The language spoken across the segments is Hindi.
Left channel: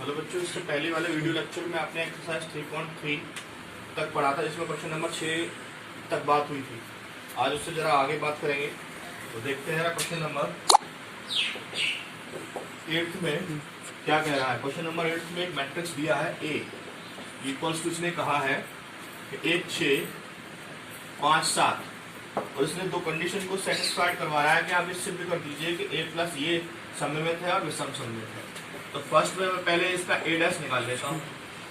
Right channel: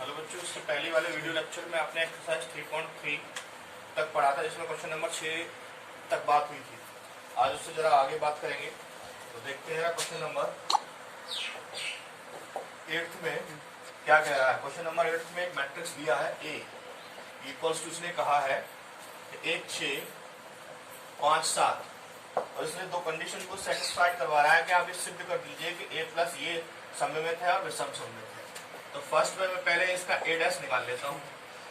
हेलो बच्चों, इससे पहले वाले वीडियो लेक्चर में आपने एक्सरसाइज 3.3 तक पढ़ा था, जिसमें क्वेश्चन नंबर 6 तक बात हुई थी। आज उससे जरा आगे बात करेंगे। तो देखते हैं क्वेश्चन नंबर 8 में क्या कह रहा है। क्वेश्चन नंबर 8 में एक मैट्रिक्स दिया है ए इक्वल्स टू, इसने कहा है 1 6 5 7 और इसने दो कंडीशन को सेटिस्फाइड करवा रहा है कि आप इस सिद्ध कर दीजिए कि ए प्लस ये सममित है और विषम सममित है। तो फर्स्ट में मैं पहले इसका ए डैश निकाल लेता हूँ।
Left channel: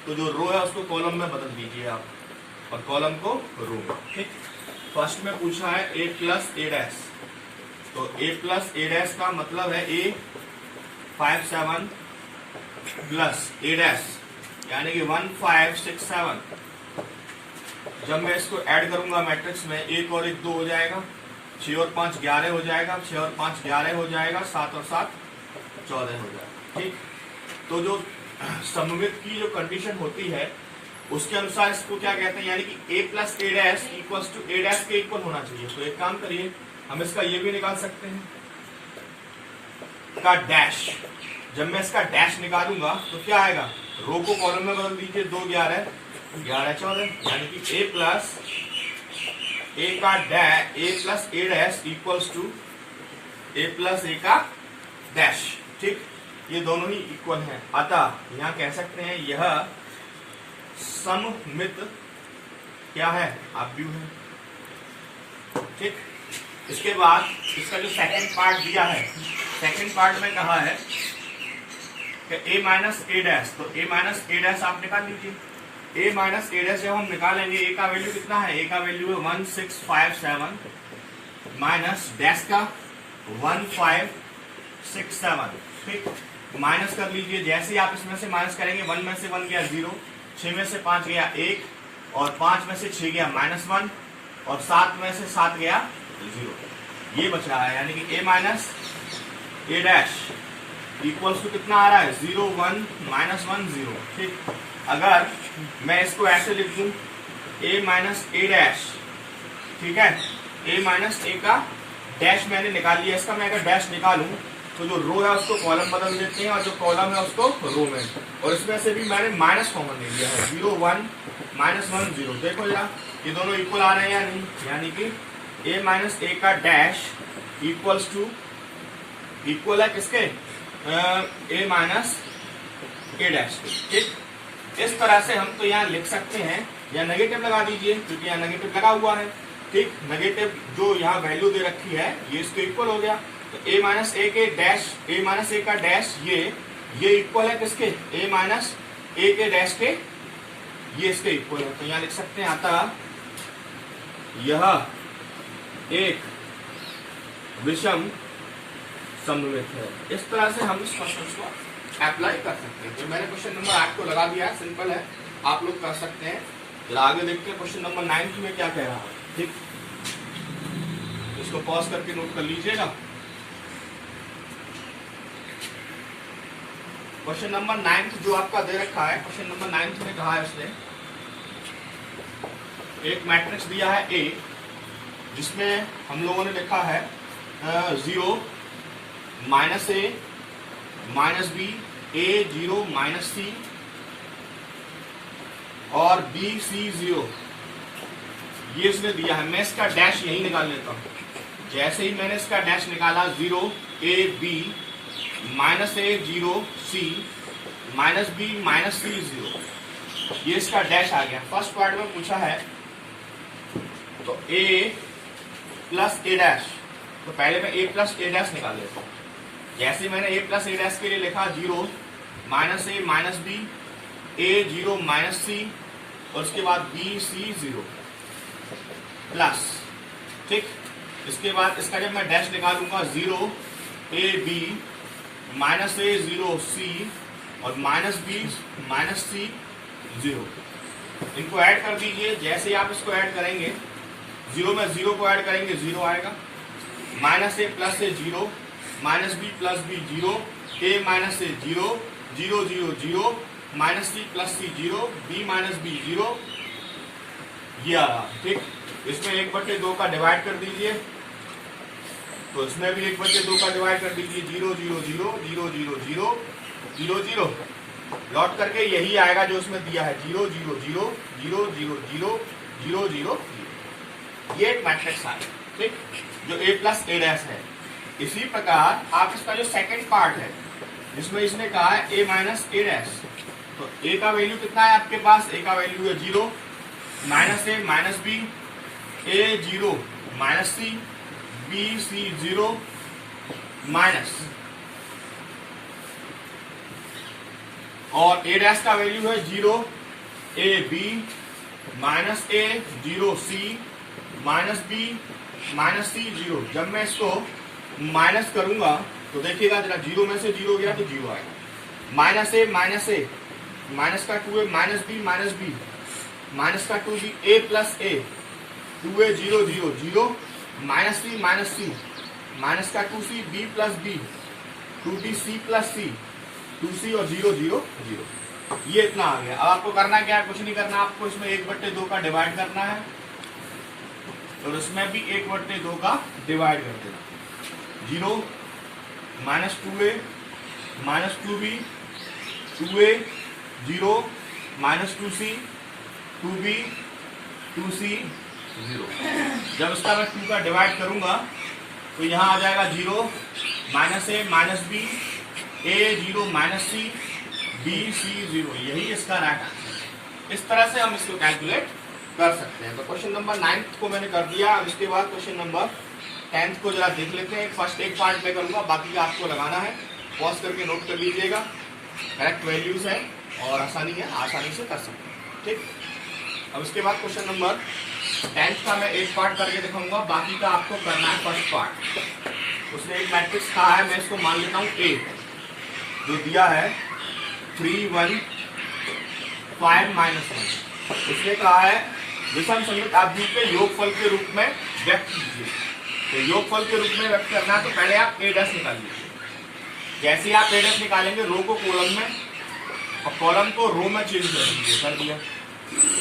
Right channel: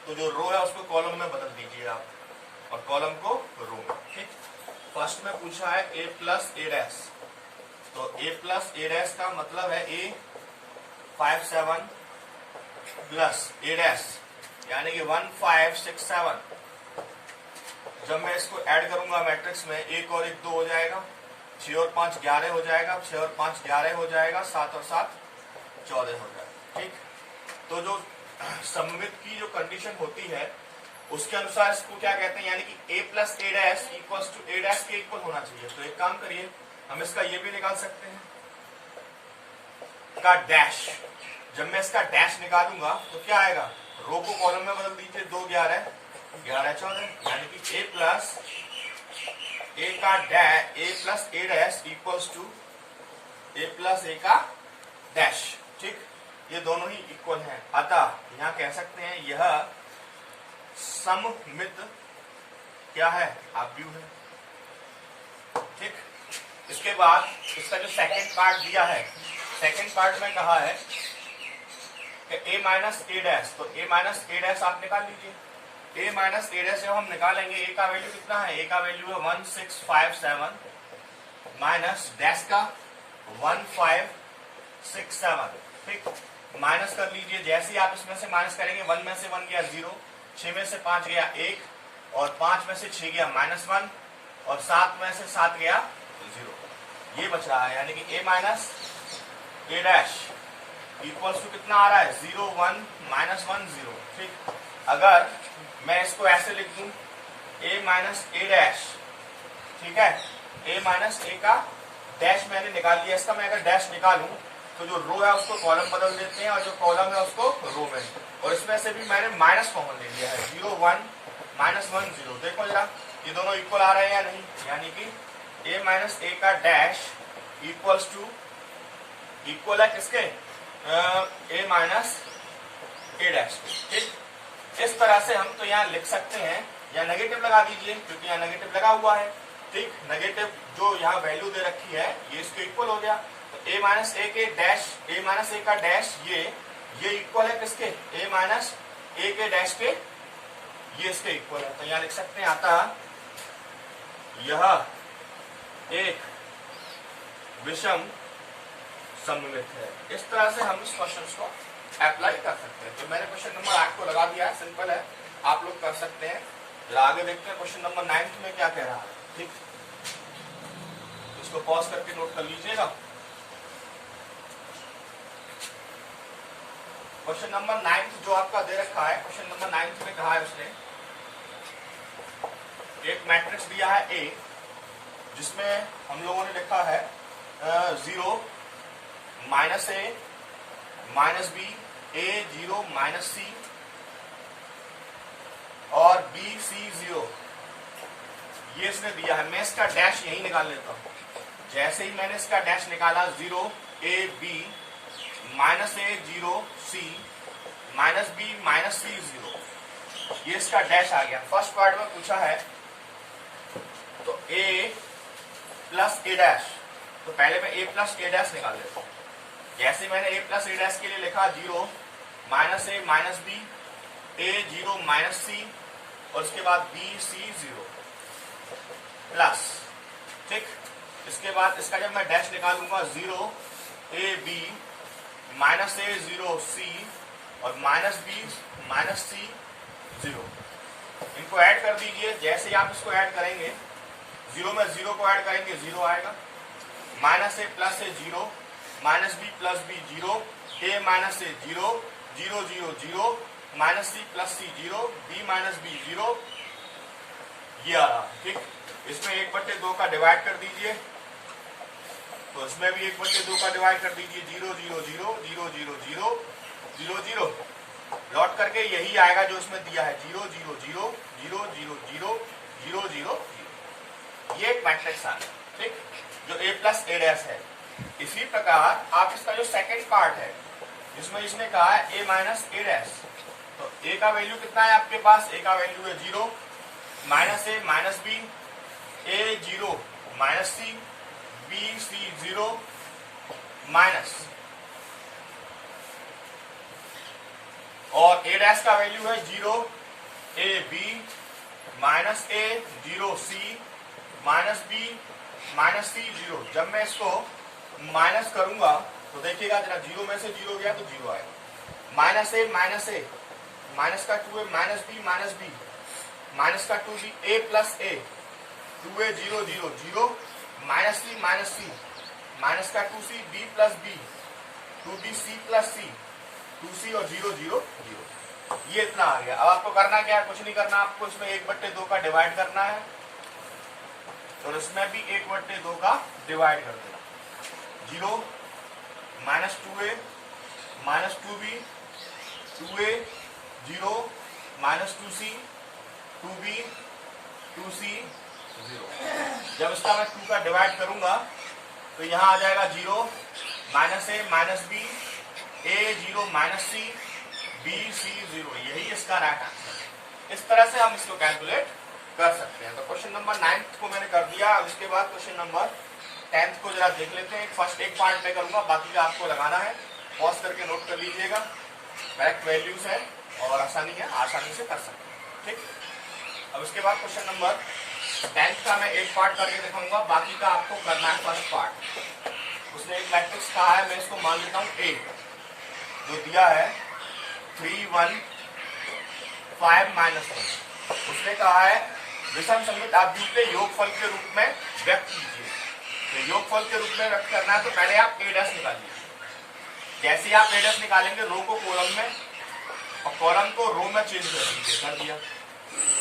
तो जो रो है उसको कॉलम में बदल दीजिए आप और कॉलम को रो में। ठीक, फर्स्ट में पूछा है ए प्लस ए डैश। तो ए प्लस ए डैश का मतलब है ए 5 7 प्लस ए डैश यानी कि 1 5 6 7। जब मैं इसको ऐड करूंगा मैट्रिक्स में 1 और 1 2 हो जाएगा, 6 और 5 11 हो जाएगा, 6 और 5 11 हो जाएगा, 7 और 7 14 हो जाएगा। ठीक, तो जो सममित की जो कंडीशन होती है उसके अनुसार इसको क्या कहते हैं, यानी कि a plus A dash equals to A dash के इक्वल होना चाहिए। तो एक काम करिए, हम इसका ये भी निकाल सकते हैं का डैश। जब मैं इसका डैश निकालूंगा तो क्या आएगा, रो को कॉलम में बदल दीजिए, 2 11 11 14 यानी कि a plus A dash equals to A plus A का डैश। ठीक, ये दोनों ही इक्वल हैं, अतः यहाँ कह सकते हैं यह सममित क्या है, आव्यूह है। ठीक, इसके बाद इसका जो सेकंड पार्ट दिया है, सेकंड पार्ट में कहा है कि a माइनस ए डैश। तो a माइनस ए डैश आप निकाल लीजिए। a माइनस ए डैश जब हम निकालेंगे, a का वैल्यू कितना है, a का वैल्यू है 1 6 5 7 माइनस डैश का 1 5 6 7। ठीक, माइनस कर लीजिए। जैसे ही आप इसमें से माइनस करेंगे, 1 में से 1 गया 0, 6 में से 5 गया 1 और 5 में से 6 गया -1 और 7 में से 7 गया 0। ये बच रहा है, यानी कि a minus A dash equals to कितना आ रहा है, 0 1 -1 0। ठीक, अगर मैं इसको ऐसे लिख दूं a माइनस ए डैश, ठीक है, a माइनस ए का डैश मैंने निकाल लिया। इसका मैं अगर डैश निकालूं तो जो रो है उसको कॉलम बदल देते हैं और जो कॉलम है उसको रो में, और इसमें से भी मैंने माइनस कॉमन ले लिया है, 0 1 -1 0। देखो जरा ये दोनों इक्वल आ रहे हैं या नहीं, यानी कि a माइनस ए का डैश इक्वल्स टू इक्वल है किसके, a माइनस ए डैश के। ठीक, इस तरह से हम तो यहाँ लिख सकते हैं, या नेगेटिव लगा दीजिए क्योंकि यहाँ नेगेटिव लगा हुआ है। ठीक, नेगेटिव जो यहाँ वैल्यू दे रखी है ये इसके इक्वल हो गया। तो a माइनस ए के डैश, a माइनस ए का डैश ये इक्वल है किसके, a माइनस ए के डैश के, ये इसके इक्वल है। तो यहाँ लिख सकते हैं, अतः यह एक विषम सममित है। इस तरह से हम इस क्वेश्चन को अप्लाई कर सकते हैं। तो मैंने क्वेश्चन नंबर 8 को लगा दिया, सिंपल है, आप लोग कर सकते हैं। जरा आगे देखते हैं क्वेश्चन नंबर 9 में क्या कह रहा है। ठीक, इसको पॉज करके नोट कर लीजिएगा। क्वेश्चन नंबर 9 जो आपका दे रखा है, क्वेश्चन नंबर 9 में कहा है उसने एक मैट्रिक्स दिया है ए, जिसमें हम लोगों ने लिखा है 0 माइनस ए माइनस बी, ए 0 माइनस सी और बी सी 0, ये इसने दिया है। मैं इसका डैश यही निकाल लेता हूं। जैसे ही मैंने इसका डैश निकाला, 0 A B minus A 0 C minus B minus C 0, ये इसका डैश आ गया। फर्स्ट पार्ट में पूछा है तो ए प्लस ए डैश, तो पहले मैं ए प्लस ए डैश निकाल लेता हूं। जैसे ही मैंने ए प्लस ए डैश के लिए लिखा, 0 माइनस ए माइनस बी, ए 0 माइनस सी और उसके बाद बी सी 0 प्लस। ठीक, इसके बाद इसका जब मैं डैश निकालूंगा, 0 ए बी माइनस ए 0 सी और माइनस बी माइनस सी 0। इनको ऐड कर दीजिए। जैसे ही आप इसको ऐड करेंगे, 0 में 0 को ऐड करेंगे 0 आएगा, minus A plus A 0 minus B plus B 0, A minus A 0 0 0 0 minus C plus C 0, B minus B 0, ये आ रहा। ठीक, इसमें 1/2 का डिवाइड कर दीजिए, तो इसमें भी 1/2 का डिवाइड कर दीजिए, 0 0 0 0 0 0 0 0 0। लौट करके यही आएगा जो उसमें दिया है 0 0 0 0 0 0 0 0 0। ये एक मैट्रिक्स आएगा, ठीक, जो a प्लस a डैश है। इसी प्रकार आप इसका जो सेकंड पार्ट है जिसमें इसने कहा है a माइनस a डैश, तो a का वैल्यू कितना है आपके पास? a का वैल्यू है 0 minus a minus b, a 0 minus c, b c 0 minus, और a डैश का वैल्यू है 0 a b minus a 0 c minus b minus c 0। जब मैं इसको माइनस करूंगा तो देखिएगा जरा, 0 में से 0 गया तो 0 आएगा। माइनस a माइनस का 2a माइनस b माइनस का 2b a plus a 2a 0 0 0 minus c minus का 2c b plus b 2b c plus c 2c और 0 0 0। ये इतना आ गया। अब आपको करना क्या है? कुछ नहीं करना, आपको इसमें 1/2 का डिवाइड करना है और इसमें भी 1/2 का डिवाइड कर देना। 0 minus 2a minus 2b 2a 0 minus 2c 2b 2c 0। जब इसका मैं 2 का डिवाइड करूंगा तो यहाँ आ जाएगा 0 minus a minus b a 0 minus c b c 0। यही इसका राइट आंसर। इस तरह से हम इसको कैलकुलेट कर सकते हैं। तो क्वेश्चन नंबर 9 को मैंने कर दिया। अब इसके बाद क्वेश्चन नंबर 10 को जरा देख लेते हैं। फर्स्ट एक पार्ट में करूंगा, बाकी का आपको लगाना है, पॉज करके नोट कर लीजिएगा। करेक्ट वैल्यूज है और आसानी है, आसानी से कर सकते हैं, ठीक। अब इसके बाद क्वेश्चन नंबर 10 का मैं एक पार्ट करके दिखाऊंगा, बाकी का आपको करना है फर्स्ट पार्ट। उसने एक मैट्रिक्स कहा है, मैं इसको मान लेता हूँ A, जो दिया है 3 1 5 -1। उसने कहा है विषम सममित आव्यूह के योगफल के रूप में व्यक्त कीजिए। तो योगफल के रूप में व्यक्त करना है तो पहले आप a डैश निकाल लीजिए। जैसे आप a डैश निकालेंगे, रो को कॉलम में और कॉलम को रो में चेंज कर दीजिए, कर दिया।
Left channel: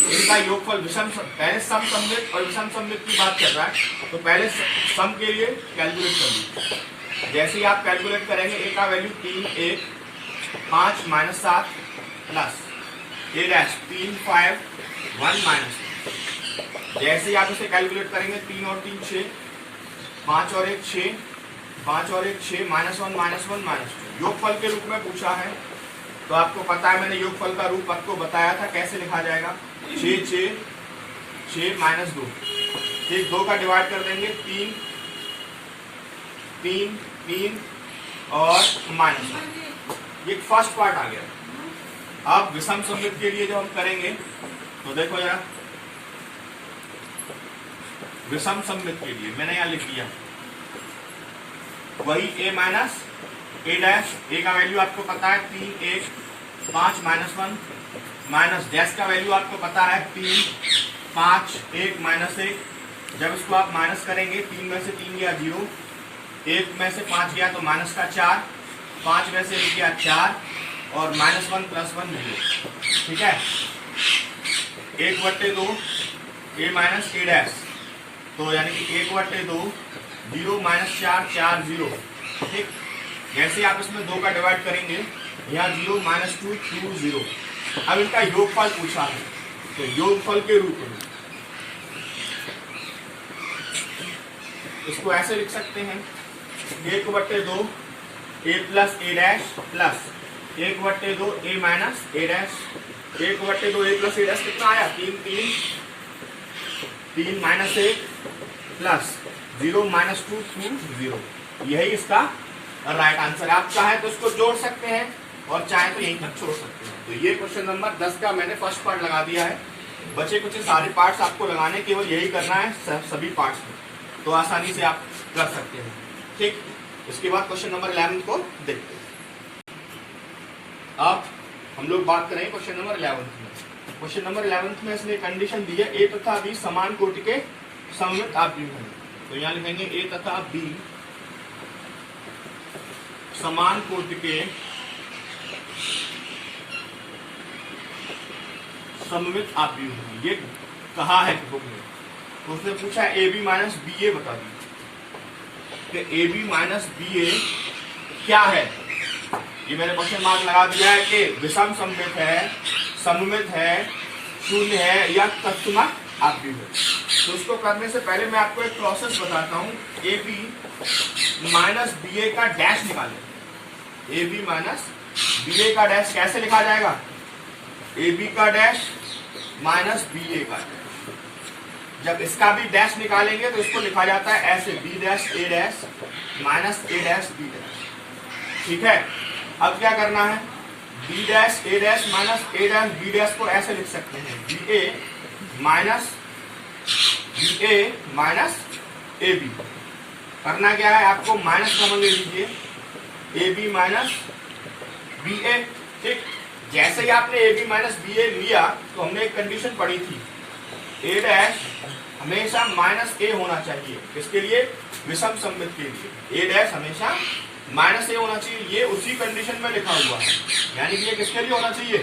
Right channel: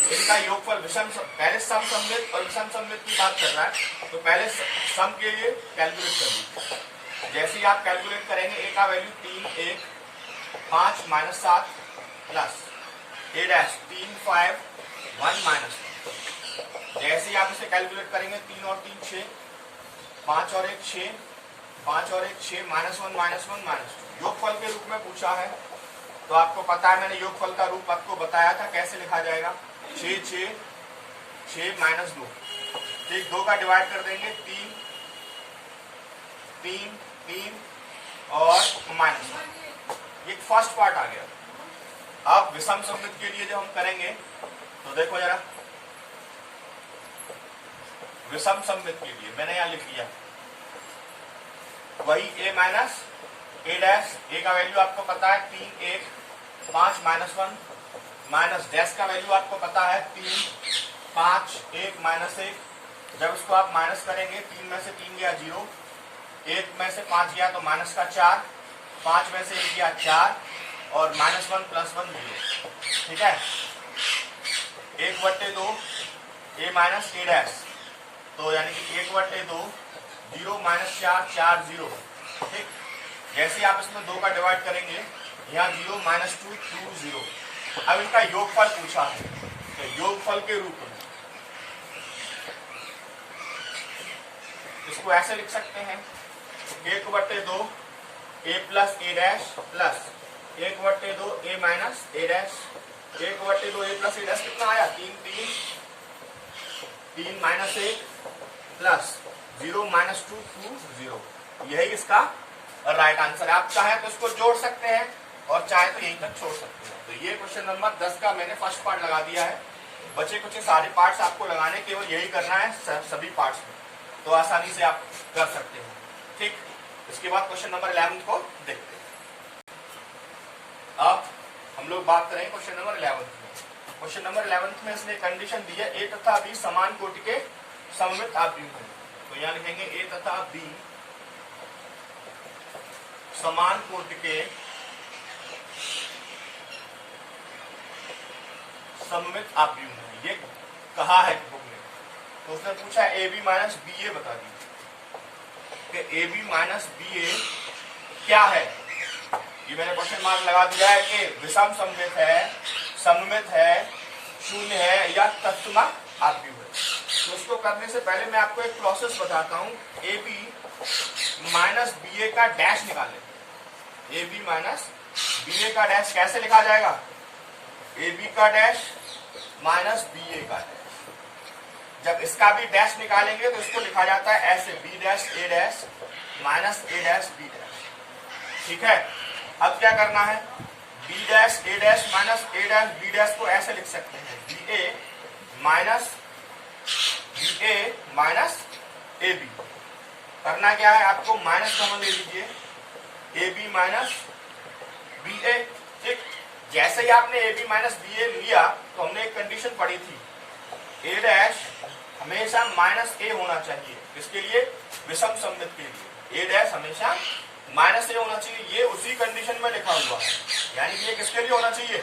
इनका योगफल विषम, पहले सम सममित और विषम सममित की बात कर रहा है तो पहले सम के लिए कैलकुलेट कर लीजिए। जैसे ही आप कैलकुलेट करेंगे, a का वैल्यू 3 1 5 -7 प्लस a डैश 3 5 1 -1। जैसे ही आप इसे कैलकुलेट करेंगे, 3 और 3 6, 5 और 1 6, 5 और 1 6 -1 -1 -2। योगफल के रूप में पूछा है तो आपको पता है, मैंने योगफल का रूप आपको बताया था कैसे लिखा जाएगा। 6 6 6 -2, ठीक, 2 का डिवाइड कर देंगे, 3 3 3 और -1। ये फर्स्ट पार्ट आ गया। अब विषम सममित के लिए जब हम करेंगे तो देखो जरा, विषम सममित के लिए मैंने यहां लिख दिया वही a minus a dash. a का वैल्यू आपको पता है 3 1 5 -1 माइनस डैश का वैल्यू आपको पता है 3 5 1 -1। जब इसको आप माइनस करेंगे, 3 में से 3 गया 0, 1 में से 5 गया तो माइनस का 4, 5 में से गया 4 और -1 + 1 0, ठीक है। 1/2 a माइनस a डैश, तो यानी कि 1/2 0 -4 4 0, ठीक। जैसे आप इसमें 2 का डिवाइड करेंगे, यहाँ 0 -2 2 0। अब इनका योगफल पूछा है तो योगफल के रूप में इसको ऐसे लिख सकते हैं 1/2 a plus a dash plus 1/2 a minus a dash. 1/2 a plus a dash कितना आया? 3 3 3 -1 प्लस 0 -2 2 0। यही इसका राइट आंसर है। आप चाहे तो इसको जोड़ सकते हैं और चाहे तो यहीं तक छोड़ सकते हैं। तो ये क्वेश्चन नंबर 10 का मैंने फर्स्ट पार्ट लगा दिया है। बचे कुछ सारे पार्ट्स आपको लगाने, केवल यही करना है सभी पार्ट्स में, तो आसानी से आप कर सकते हैं, ठीक। इसके बाद क्वेश्चन नंबर 11 को देखते हैं। अब हम लोग बात करेंगे क्वेश्चन नंबर 11 में। क्वेश्चन नंबर 11 में इसने कंडीशन दी है a तथा b समान कोटि के सममित आव्यूह हैं। तो यहाँ लिखेंगे a तथा b समान कोटि के सममित आव्यूह हैं, ये कहा है बुक में। तो उसने पूछा ए बी माइनस बी ए, बता दीजिए कि ए बी माइनस बी ए क्या है। ये मैंने क्वेश्चन मार्क लगा दिया है कि विषम सममित है, सममित है, शून्य है या तत्समक आव्यूह है। तो उसको करने से पहले मैं आपको एक प्रोसेस बताता हूँ। ए बी माइनस बी ए का डैश निकालें। ए बी माइनस बी ए का डैश कैसे लिखा जाएगा? ए बी का डैश माइनस बी ए का डैश। जब इसका भी डैश निकालेंगे तो इसको लिखा जाता है ऐसे, B dash A dash minus A dash B dash. ठीक है, अब क्या करना है? B dash A dash minus A dash B dash को ऐसे लिख सकते हैं, B A minus A B. करना क्या है आपको? माइनस कॉमन ले लीजिए, A B minus B A. ठीक, जैसे ही आपने A B minus B A लिया तो हमने एक कंडीशन पढ़ी थी, ए डैश हमेशा माइनस ए होना चाहिए। किसके लिए? विषम सममित के लिए ए डैश हमेशा माइनस ए होना चाहिए। ये उसी कंडीशन में लिखा हुआ है, यानी कि ये किसके लिए होना चाहिए?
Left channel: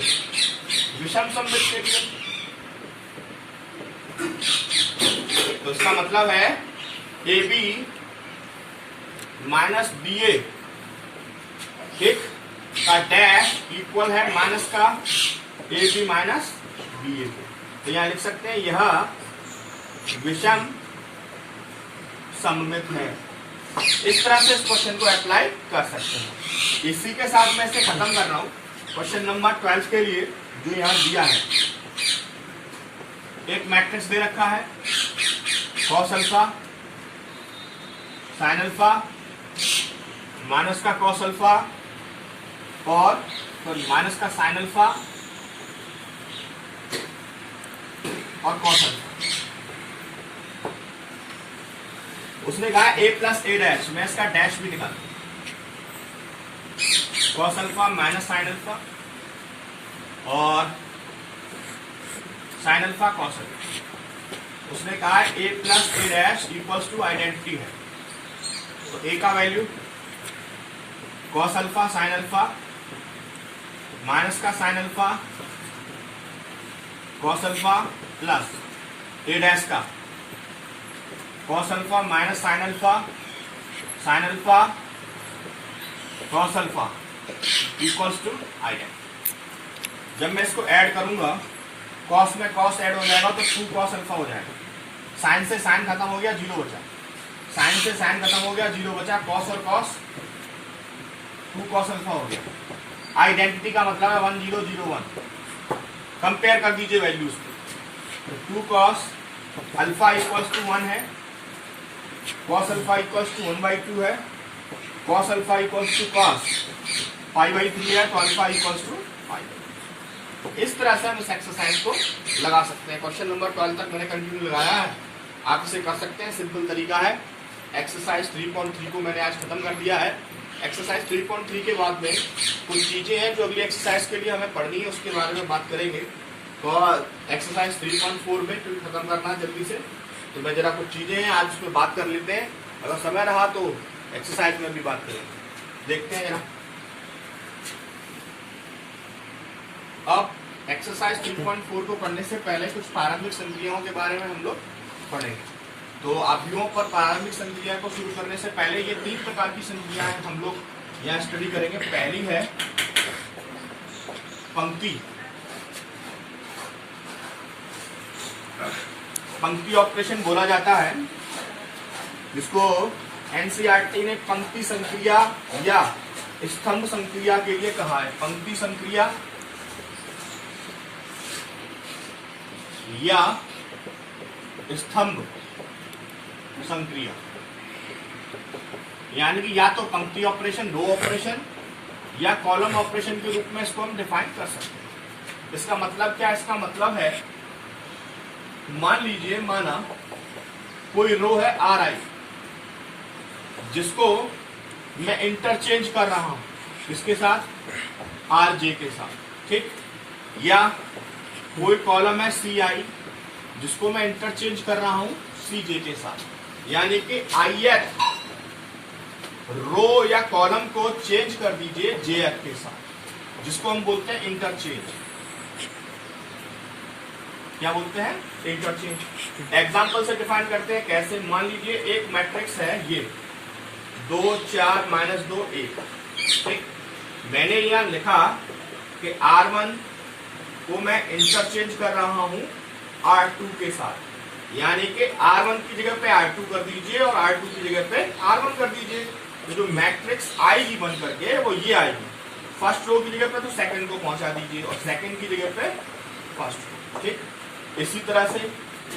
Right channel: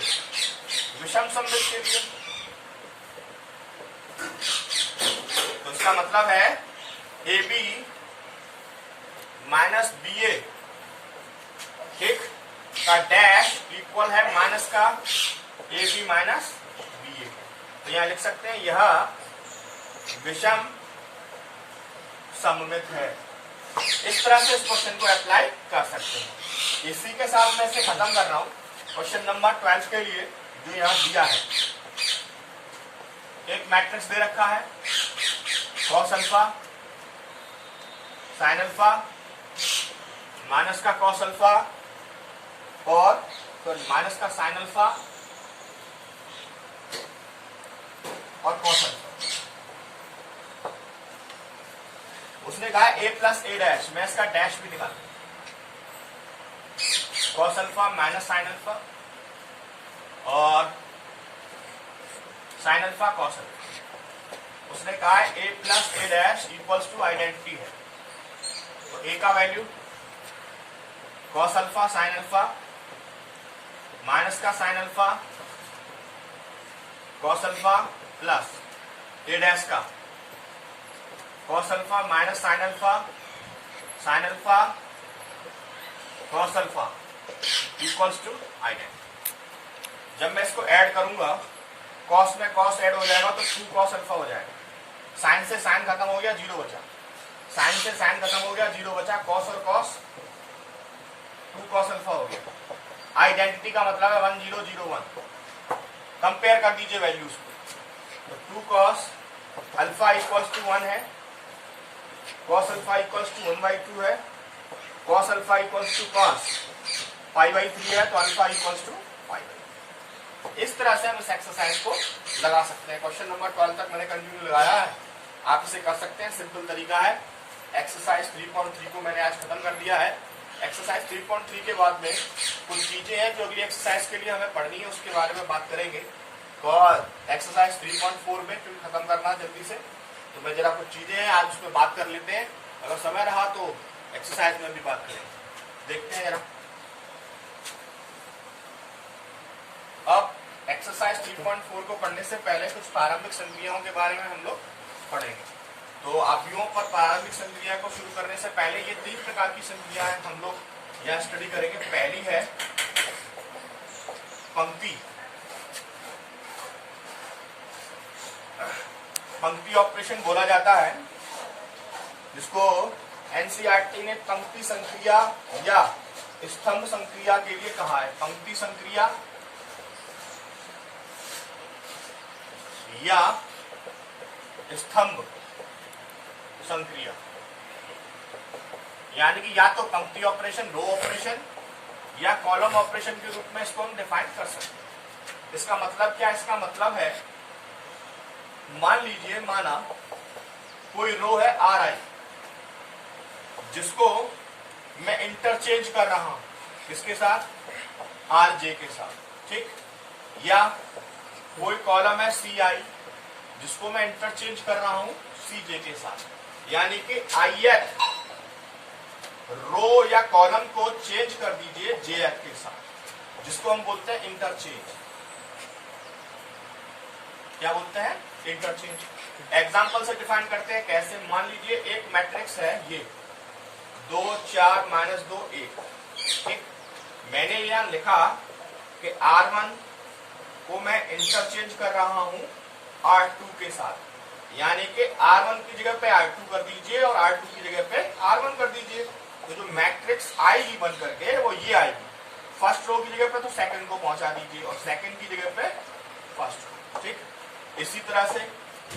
विषम सममित के लिए। तो इसका मतलब है ए बी माइनस बी ए, ठीक, का डैश इक्वल है माइनस का ए बी माइनस बी ए। तो यहां लिख सकते हैं यह विषम सममित है। इस तरह से इस क्वेश्चन को अप्लाई कर सकते हैं। इसी के साथ मैं इसे खत्म कर रहा हूं। क्वेश्चन नंबर 12 के लिए जो यहां दिया है, एक मैट्रिक्स दे रखा है, cos alpha sine alpha minus का कॉस अल्फा और तो माइनस का साइन अल्फा और कॉस अल्फा। उसने कहा ए प्लस ए डैश, मैं इसका डैश भी निकाल, cos alpha minus sine alpha और साइन अल्फा कॉस अल्फा। उसने कहा A plus A dash equals to identity है। तो ए का value cos alpha sine alpha minus का sine alpha cos alpha plus A dash का cos alpha minus sine alpha cos alpha equals to identity. जब मैं इसको ऐड करूंगा, कॉस में कॉस ऐड हो जाएगा तो 2 कॉस अल्फा हो जाएगा। साइन से साइन खत्म हो गया, 0 बचा। साइन से साइन खत्म हो गया, 0 बचा। कॉस और कॉस 2 कॉस अल्फा हो गया। आइडेंटिटी का मतलब है 1 0 0 1। कंपेयर कर दीजिए वैल्यूज को। तो 2 कॉस अल्फा इक्वल्स टू 1 है, कॉस अल्फा इक्वल्स टू 1/2 है, cos alpha equals to cos π/3 है, तो अल्फा इक्वल्स टू π। इस तरह से हम इस एक्सरसाइज को लगा सकते हैं। क्वेश्चन नंबर 12 तक मैंने कंटिन्यू लगाया है, आप इसे कर सकते हैं। सिंपल तरीका है। एक्सरसाइज 3.3 को मैंने आज खत्म कर दिया है। एक्सरसाइज 3.3 के बाद में कुछ चीजें हैं जो अगली एक्सरसाइज के लिए हमें पढ़नी है, उसके बारे में बात करेंगे। तो एक्सरसाइज 3.4 में फिर खत्म करना है जल्दी से। तो मैं जरा कुछ चीजें हैं आज उस पर बात कर लेते हैं, अगर समय रहा तो एक्सरसाइज में भी बात करेंगे। देखते हैं जरा। अब एक्सरसाइज 3.4 को पढ़ने से पहले कुछ प्रारंभिक संक्रियाओं के बारे में हम लोग पढ़ेंगे। तो अवयवों पर प्रारंभिक संक्रिया को शुरू करने से पहले ये 3 प्रकार की संक्रियाएं हम लोग यहाँ स्टडी करेंगे। पहली है पंक्ति। पंक्ति ऑपरेशन बोला जाता है, जिसको एनसीईआरटी ने पंक्ति संक्रिया या स्तंभ संक्रिया के लिए कहा है। पंक्ति संक्रिया या स्तंभ संक्रिया, यानी कि या तो पंक्ति ऑपरेशन, रो ऑपरेशन या कॉलम ऑपरेशन के रूप में इसको हम डिफाइन कर सकते हैं। इसका मतलब क्या? इसका मतलब है, मान लीजिए, माना कोई रो है RI, जिसको मैं इंटरचेंज कर रहा हूं किसके साथ? RJ के साथ, ठीक। या कोई कॉलम है CI, जिसको मैं इंटरचेंज कर रहा हूं CJ के साथ। यानी कि ith रो या कॉलम को चेंज कर दीजिए JF के साथ, जिसको हम बोलते हैं इंटरचेंज। क्या बोलते हैं? इंटरचेंज। एग्जाम्पल से डिफाइन करते हैं। कैसे? मान लीजिए एक मैट्रिक्स है, ये 2 4 -2 1, ठीक। मैंने यहाँ लिखा कि R1 को मैं इंटरचेंज कर रहा हूं R2 के साथ, यानी कि R1 की जगह पे R2 कर दीजिए और R2 की जगह पे R1 कर दीजिए। तो जो मैट्रिक्स आएगी बन करके वो ये आएगी, फर्स्ट रो की जगह पे तो सेकंड को पहुंचा दीजिए और सेकंड की जगह पे फर्स्ट रो। ठीक, इसी तरह से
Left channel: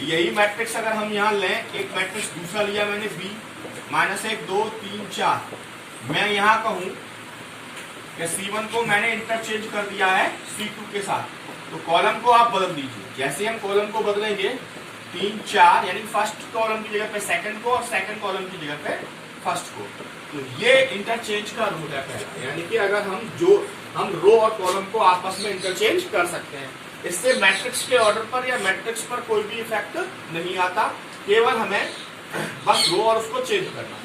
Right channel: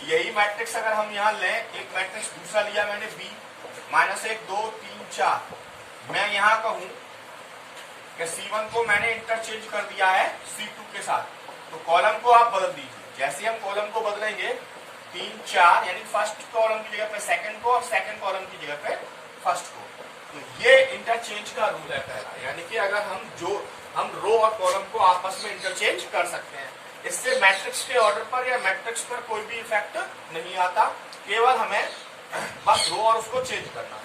यही मैट्रिक्स अगर हम यहाँ लें, एक मैट्रिक्स दूसरा लिया मैंने B -1 2 3 4, मैं यहाँ कहूं कि C1 को मैंने इंटरचेंज कर दिया है C2 के साथ, तो कॉलम को आप बदल दीजिए। जैसे हम कॉलम को बदलेंगे 3 4, यानी फर्स्ट कॉलम की जगह पे सेकंड को और सेकंड कॉलम की जगह पे फर्स्ट को, तो ये इंटरचेंज का रूल है पहला, यानी कि अगर हम रो और कॉलम को आपस में इंटरचेंज कर सकते हैं। इससे मैट्रिक्स के ऑर्डर पर या मैट्रिक्स पर कोई भी इफेक्ट नहीं आता, केवल हमें बस रो और उसको चेंज करना है।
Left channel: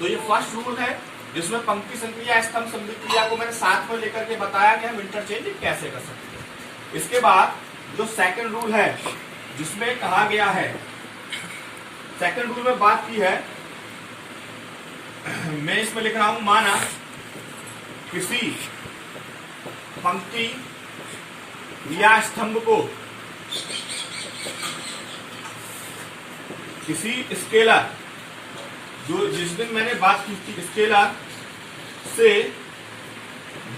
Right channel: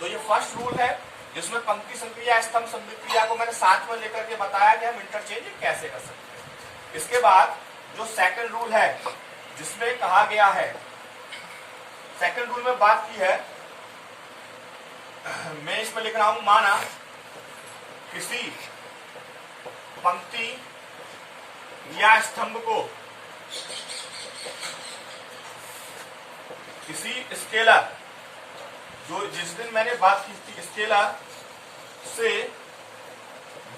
तो ये फर्स्ट रूल है जिसमें पंक्ति संक्रिया स्तंभ संधि क्रिया को मैंने साथ में लेकर के बताया कि हम इंटरचेंज कैसे कर सकते हैं। इसके बाद जो सेकंड रूल है जिसमें कहा गया है, सेकंड रूल में बात की है, मैं इसमें लिख रहा हूं, माना किसी पंक्ति या स्तंभ को किसी स्केलर, जो जिस दिन मैंने बात की थी स्केलर से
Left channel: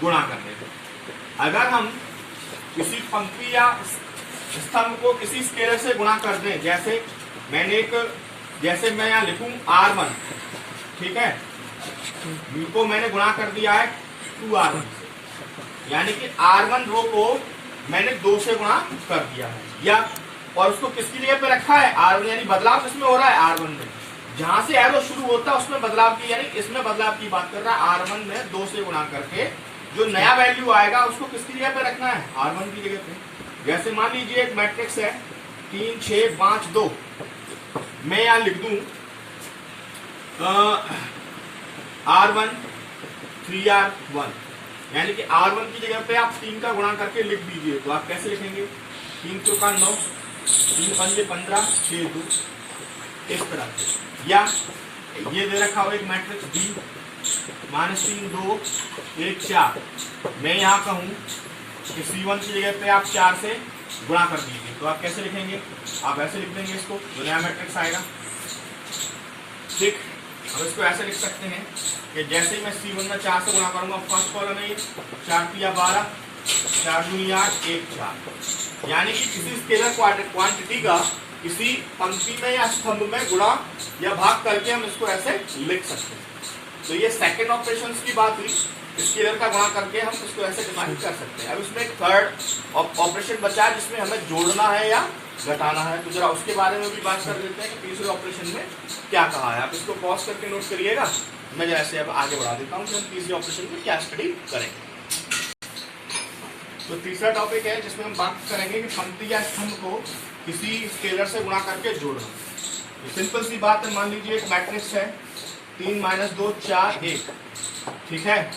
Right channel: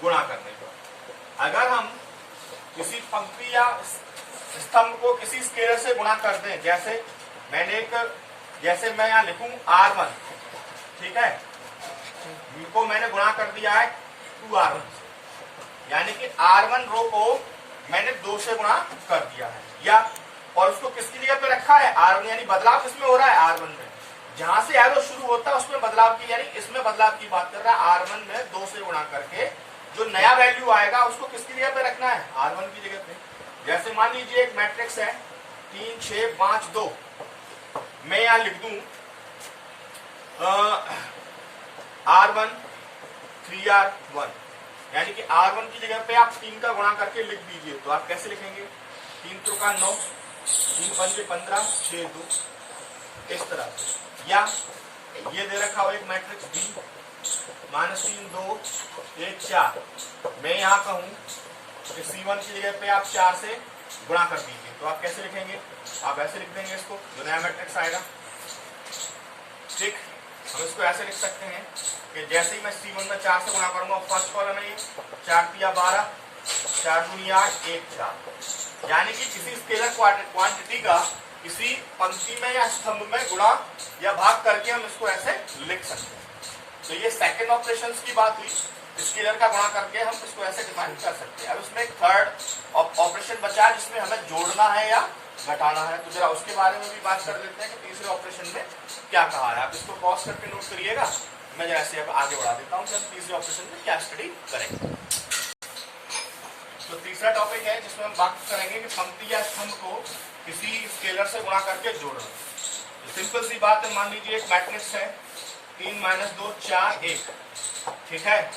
गुणा करने को, अगर हम किसी पंक्ति या स्तंभ को किसी स्केलर से गुणा कर दें, जैसे मैं यहाँ लिखूं R1, ठीक है, को मैंने गुणा कर दिया है 2R1 से, यानी कि R1 रो को मैंने 2 से गुणा कर दिया है, या और उसको किसकी जगह पे रखा है R1, यानी बदलाव किसमें हो रहा है R1 में, जहां से एरो शुरू होता है उसमें बदलाव की, यानी इसमें बदलाव की बात कर रहा है। R1 में 2 से गुणा करके जो नया वैल्यू आएगा उसको किसकी जगह पे रखना है, R1 की जगह पे। जैसे मान लीजिए एक मैट्रिक्स है 3 6 5 2, मैं यहां लिख दूं R1 3R1, यानी कि R1 की जगह पे आप 3 का गुणा करके लिख दीजिए। तो आप कैसे लिखेंगे, 3 चौका 9, 3 पंजे 15, 6 2, इस तरह से। या ये दे रखा हो एक मैट्रिक्स B -3 2 1 4, मैं यहाँ कहूँ कि C1 की जगह पे आप 4 से गुणा कर दीजिए। तो आप कैसे लिखेंगे, आप ऐसे लिख देंगे इसको, जो नया मैट्रिक्स आएगा। ठीक, हम इसको ऐसे लिख सकते हैं कि जैसे ही मैं C1 में 4 से गुणा करूंगा, फर्स्ट कॉलम है 4 3 12, 4 2 8 1 4, यानी कि किसी स्केलर क्वांटिटी का किसी पंक्ति में या स्तंभ में गुणा या भाग करके हम इसको ऐसे लिख सकते हैं। तो ये सेकंड ऑपरेशन की बात हुई, स्केलर का गुणा करके हम इसको ऐसे डिफाइन कर सकते हैं। अब इसमें एक थर्ड ऑपरेशन बचा जिसमें हमें जोड़ना है या घटाना है, तो जरा उसके बारे में भी बात कर लेते हैं कि तीसरे ऑपरेशन में क्या कहा है। आप इसको पॉज करके नोट करिएगा, मैं जैसे अब आगे बढ़ा देता हूँ कि हम तीसरे ऑपरेशन में क्या स्टडी करेंगे। तो तीसरा टॉपिक है जिसमें हम बात करेंगे कि पंक्ति या स्तंभ को किसी स्केलर से गुणा करके जोड़ना। सिंपल सी बात है, मान लीजिए एक मैट्रिक्स है 3 -2 4 1, ठीक है।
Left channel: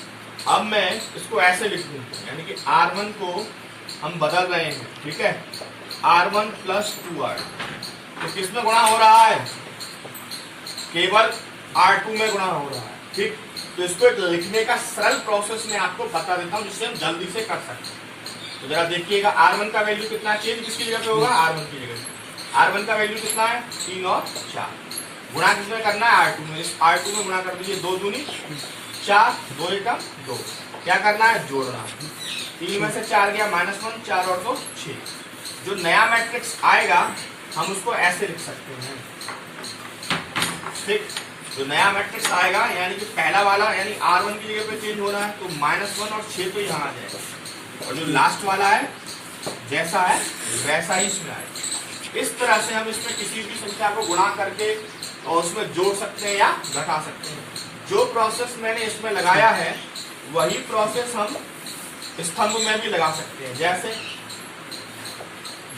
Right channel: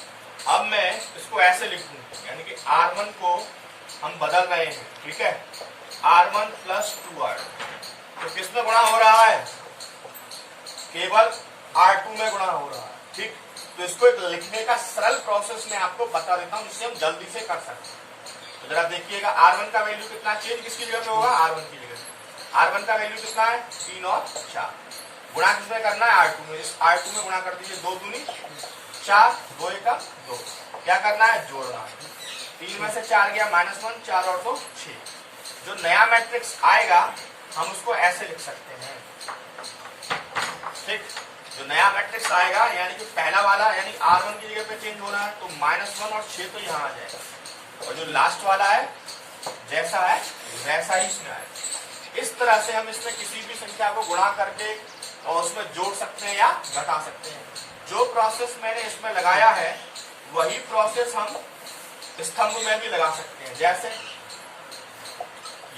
अब मैं इसको ऐसे लिख दूं, यानी कि R1 को हम बदल रहे हैं, ठीक है, R1 + 2R, तो किसमें गुणा हो रहा है, केवल R2 में गुणा हो रहा है। ठीक, तो इसको एक लिखने का सरल प्रोसेस मैं आपको बता देता हूं जिससे हम जल्दी से कर सकते हैं। तो जरा देखिएगा, R1 का वैल्यू कितना चेंज किसकी जगह पे होगा, R1 की जगह पे। R1 का वैल्यू कितना है 3 और 4, गुणा किसमें करना है R2 में, इस R2 में गुणा कर दीजिए, 2 दूनी 4, 2 1 2, क्या करना है, जोड़ना। 3 में से 4 गया -1, 4 और 2 6। जो नया मैट्रिक्स आएगा हम उसको ऐसे लिख सकते हैं। ठीक, जो नया मैट्रिक्स आएगा यानी कि पहला वाला यानी R1 की जगह पे चेंज होना है, तो -1 और 6 तो यहाँ आ जाएगा, और जो लास्ट वाला है जैसा है वैसा ही इसमें आएगा। इस तरह से हम इसमें किसी भी संख्या को गुणा करके और उसमें जोड़ सकते हैं या घटा सकते हैं। जो प्रोसेस मैंने इसमें लगाया है वही प्रोसेस हम स्तंभ में भी लगा सकते हैं। जैसे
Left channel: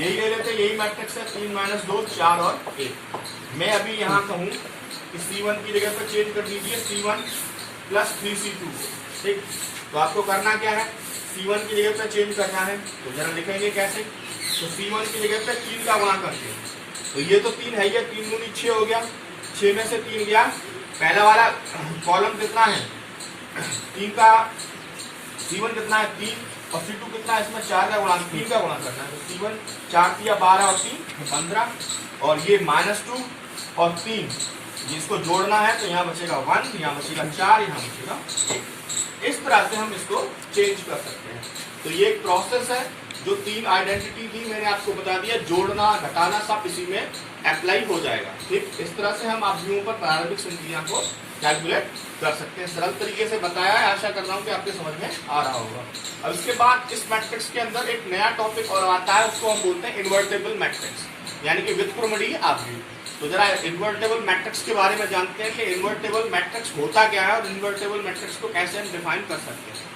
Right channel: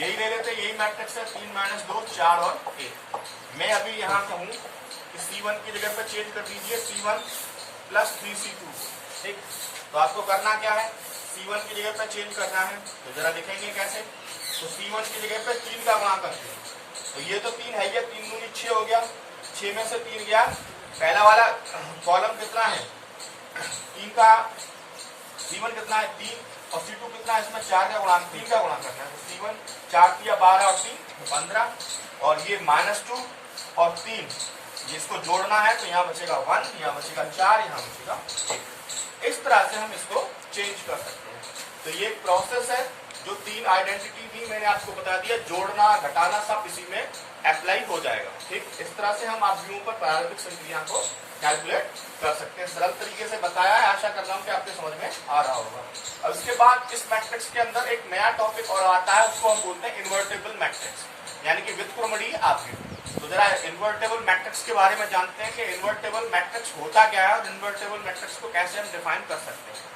यही ले लेते, यही मैट्रिक्स है 3 -2 4 और 1, मैं अभी यहाँ कहूँ कि C1 की जगह पर चेंज कर दीजिए C1 + 3C2। ठीक, तो आपको करना क्या है, C1 की जगह पर चेंज करना है, तो जरा लिखेंगे कैसे, तो C1 की जगह पर 3 का गुणा करते हैं, तो ये तो 3 है, ये 3 दूनी 6 हो गया, 6 में से 3 गया, पहला वाला कॉलम कितना है 3 का C1 कितना है 3 और C2 कितना है, इसमें 4 का गुणांक 3 का गुणांक करना है। तो C1 4 3 12 और 3 15 और ये -2 और 3 जिसको जोड़ना है तो यहाँ बचेगा 1, यहाँ बचेगा 4, यहाँ बचेगा 1। इस तरह से हम इसको चेंज कर सकते हैं। तो ये एक प्रोसेस है जो 3 आइडेंटिटी थी मैंने आपको बता दिया, जोड़ना घटाना सब इसी में अप्लाई हो जाएगा। ठीक, इस तरह से हम आव्यूहों पर प्रारंभिक संक्रिया को कैलकुलेट कर सकते हैं। सरल तरीके से बताया है, आशा कर रहा हूँ कि आपके समझ में आ रहा होगा। अब इसके बाद इस मैट्रिक्स के अंदर एक नया टॉपिक और आता है, उसको हम बोलते हैं इन्वर्टेबल मैट्रिक्स, यानी कि व्युत्क्रमणीय आव्यूह। तो जरा इन्वर्टेबल मैट्रिक्स के बारे में जानते हैं कि इन्वर्टेबल मैट्रिक्स होता क्या है और इन्वर्टेबल मैट्रिक्स को कैसे हम डिफाइन कर सकते हैं।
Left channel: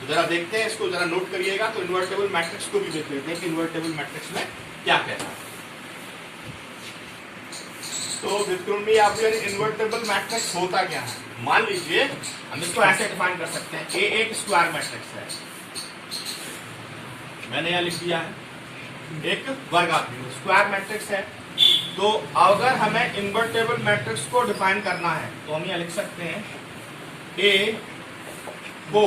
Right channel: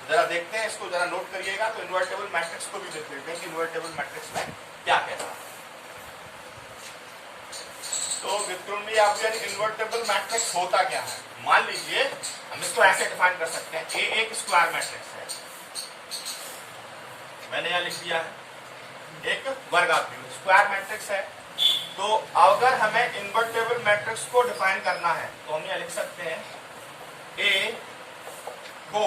तो जरा देखते हैं, इसको जरा नोट करिएगा। तो इन्वर्टेबल मैट्रिक्स को भी देख लेते हैं कि इन्वर्टेबल मैट्रिक्स में क्या कहता है। तो व्युत्क्रमणीय आव्यूह इन्वर्टेबल मैट्रिक्स होता क्या है। मान लीजिए हम इसको ऐसे डिफाइन कर सकते हैं, ए एक स्क्वायर मैट्रिक्स है, मैंने यहां लिख दिया है, एक वर्ग आव्यूह स्क्वायर मैट्रिक्स है। तो अगर हमें इन्वर्टेबल मैट्रिक्स को डिफाइन करना है तो हम यहां लिख सकते हैं ए को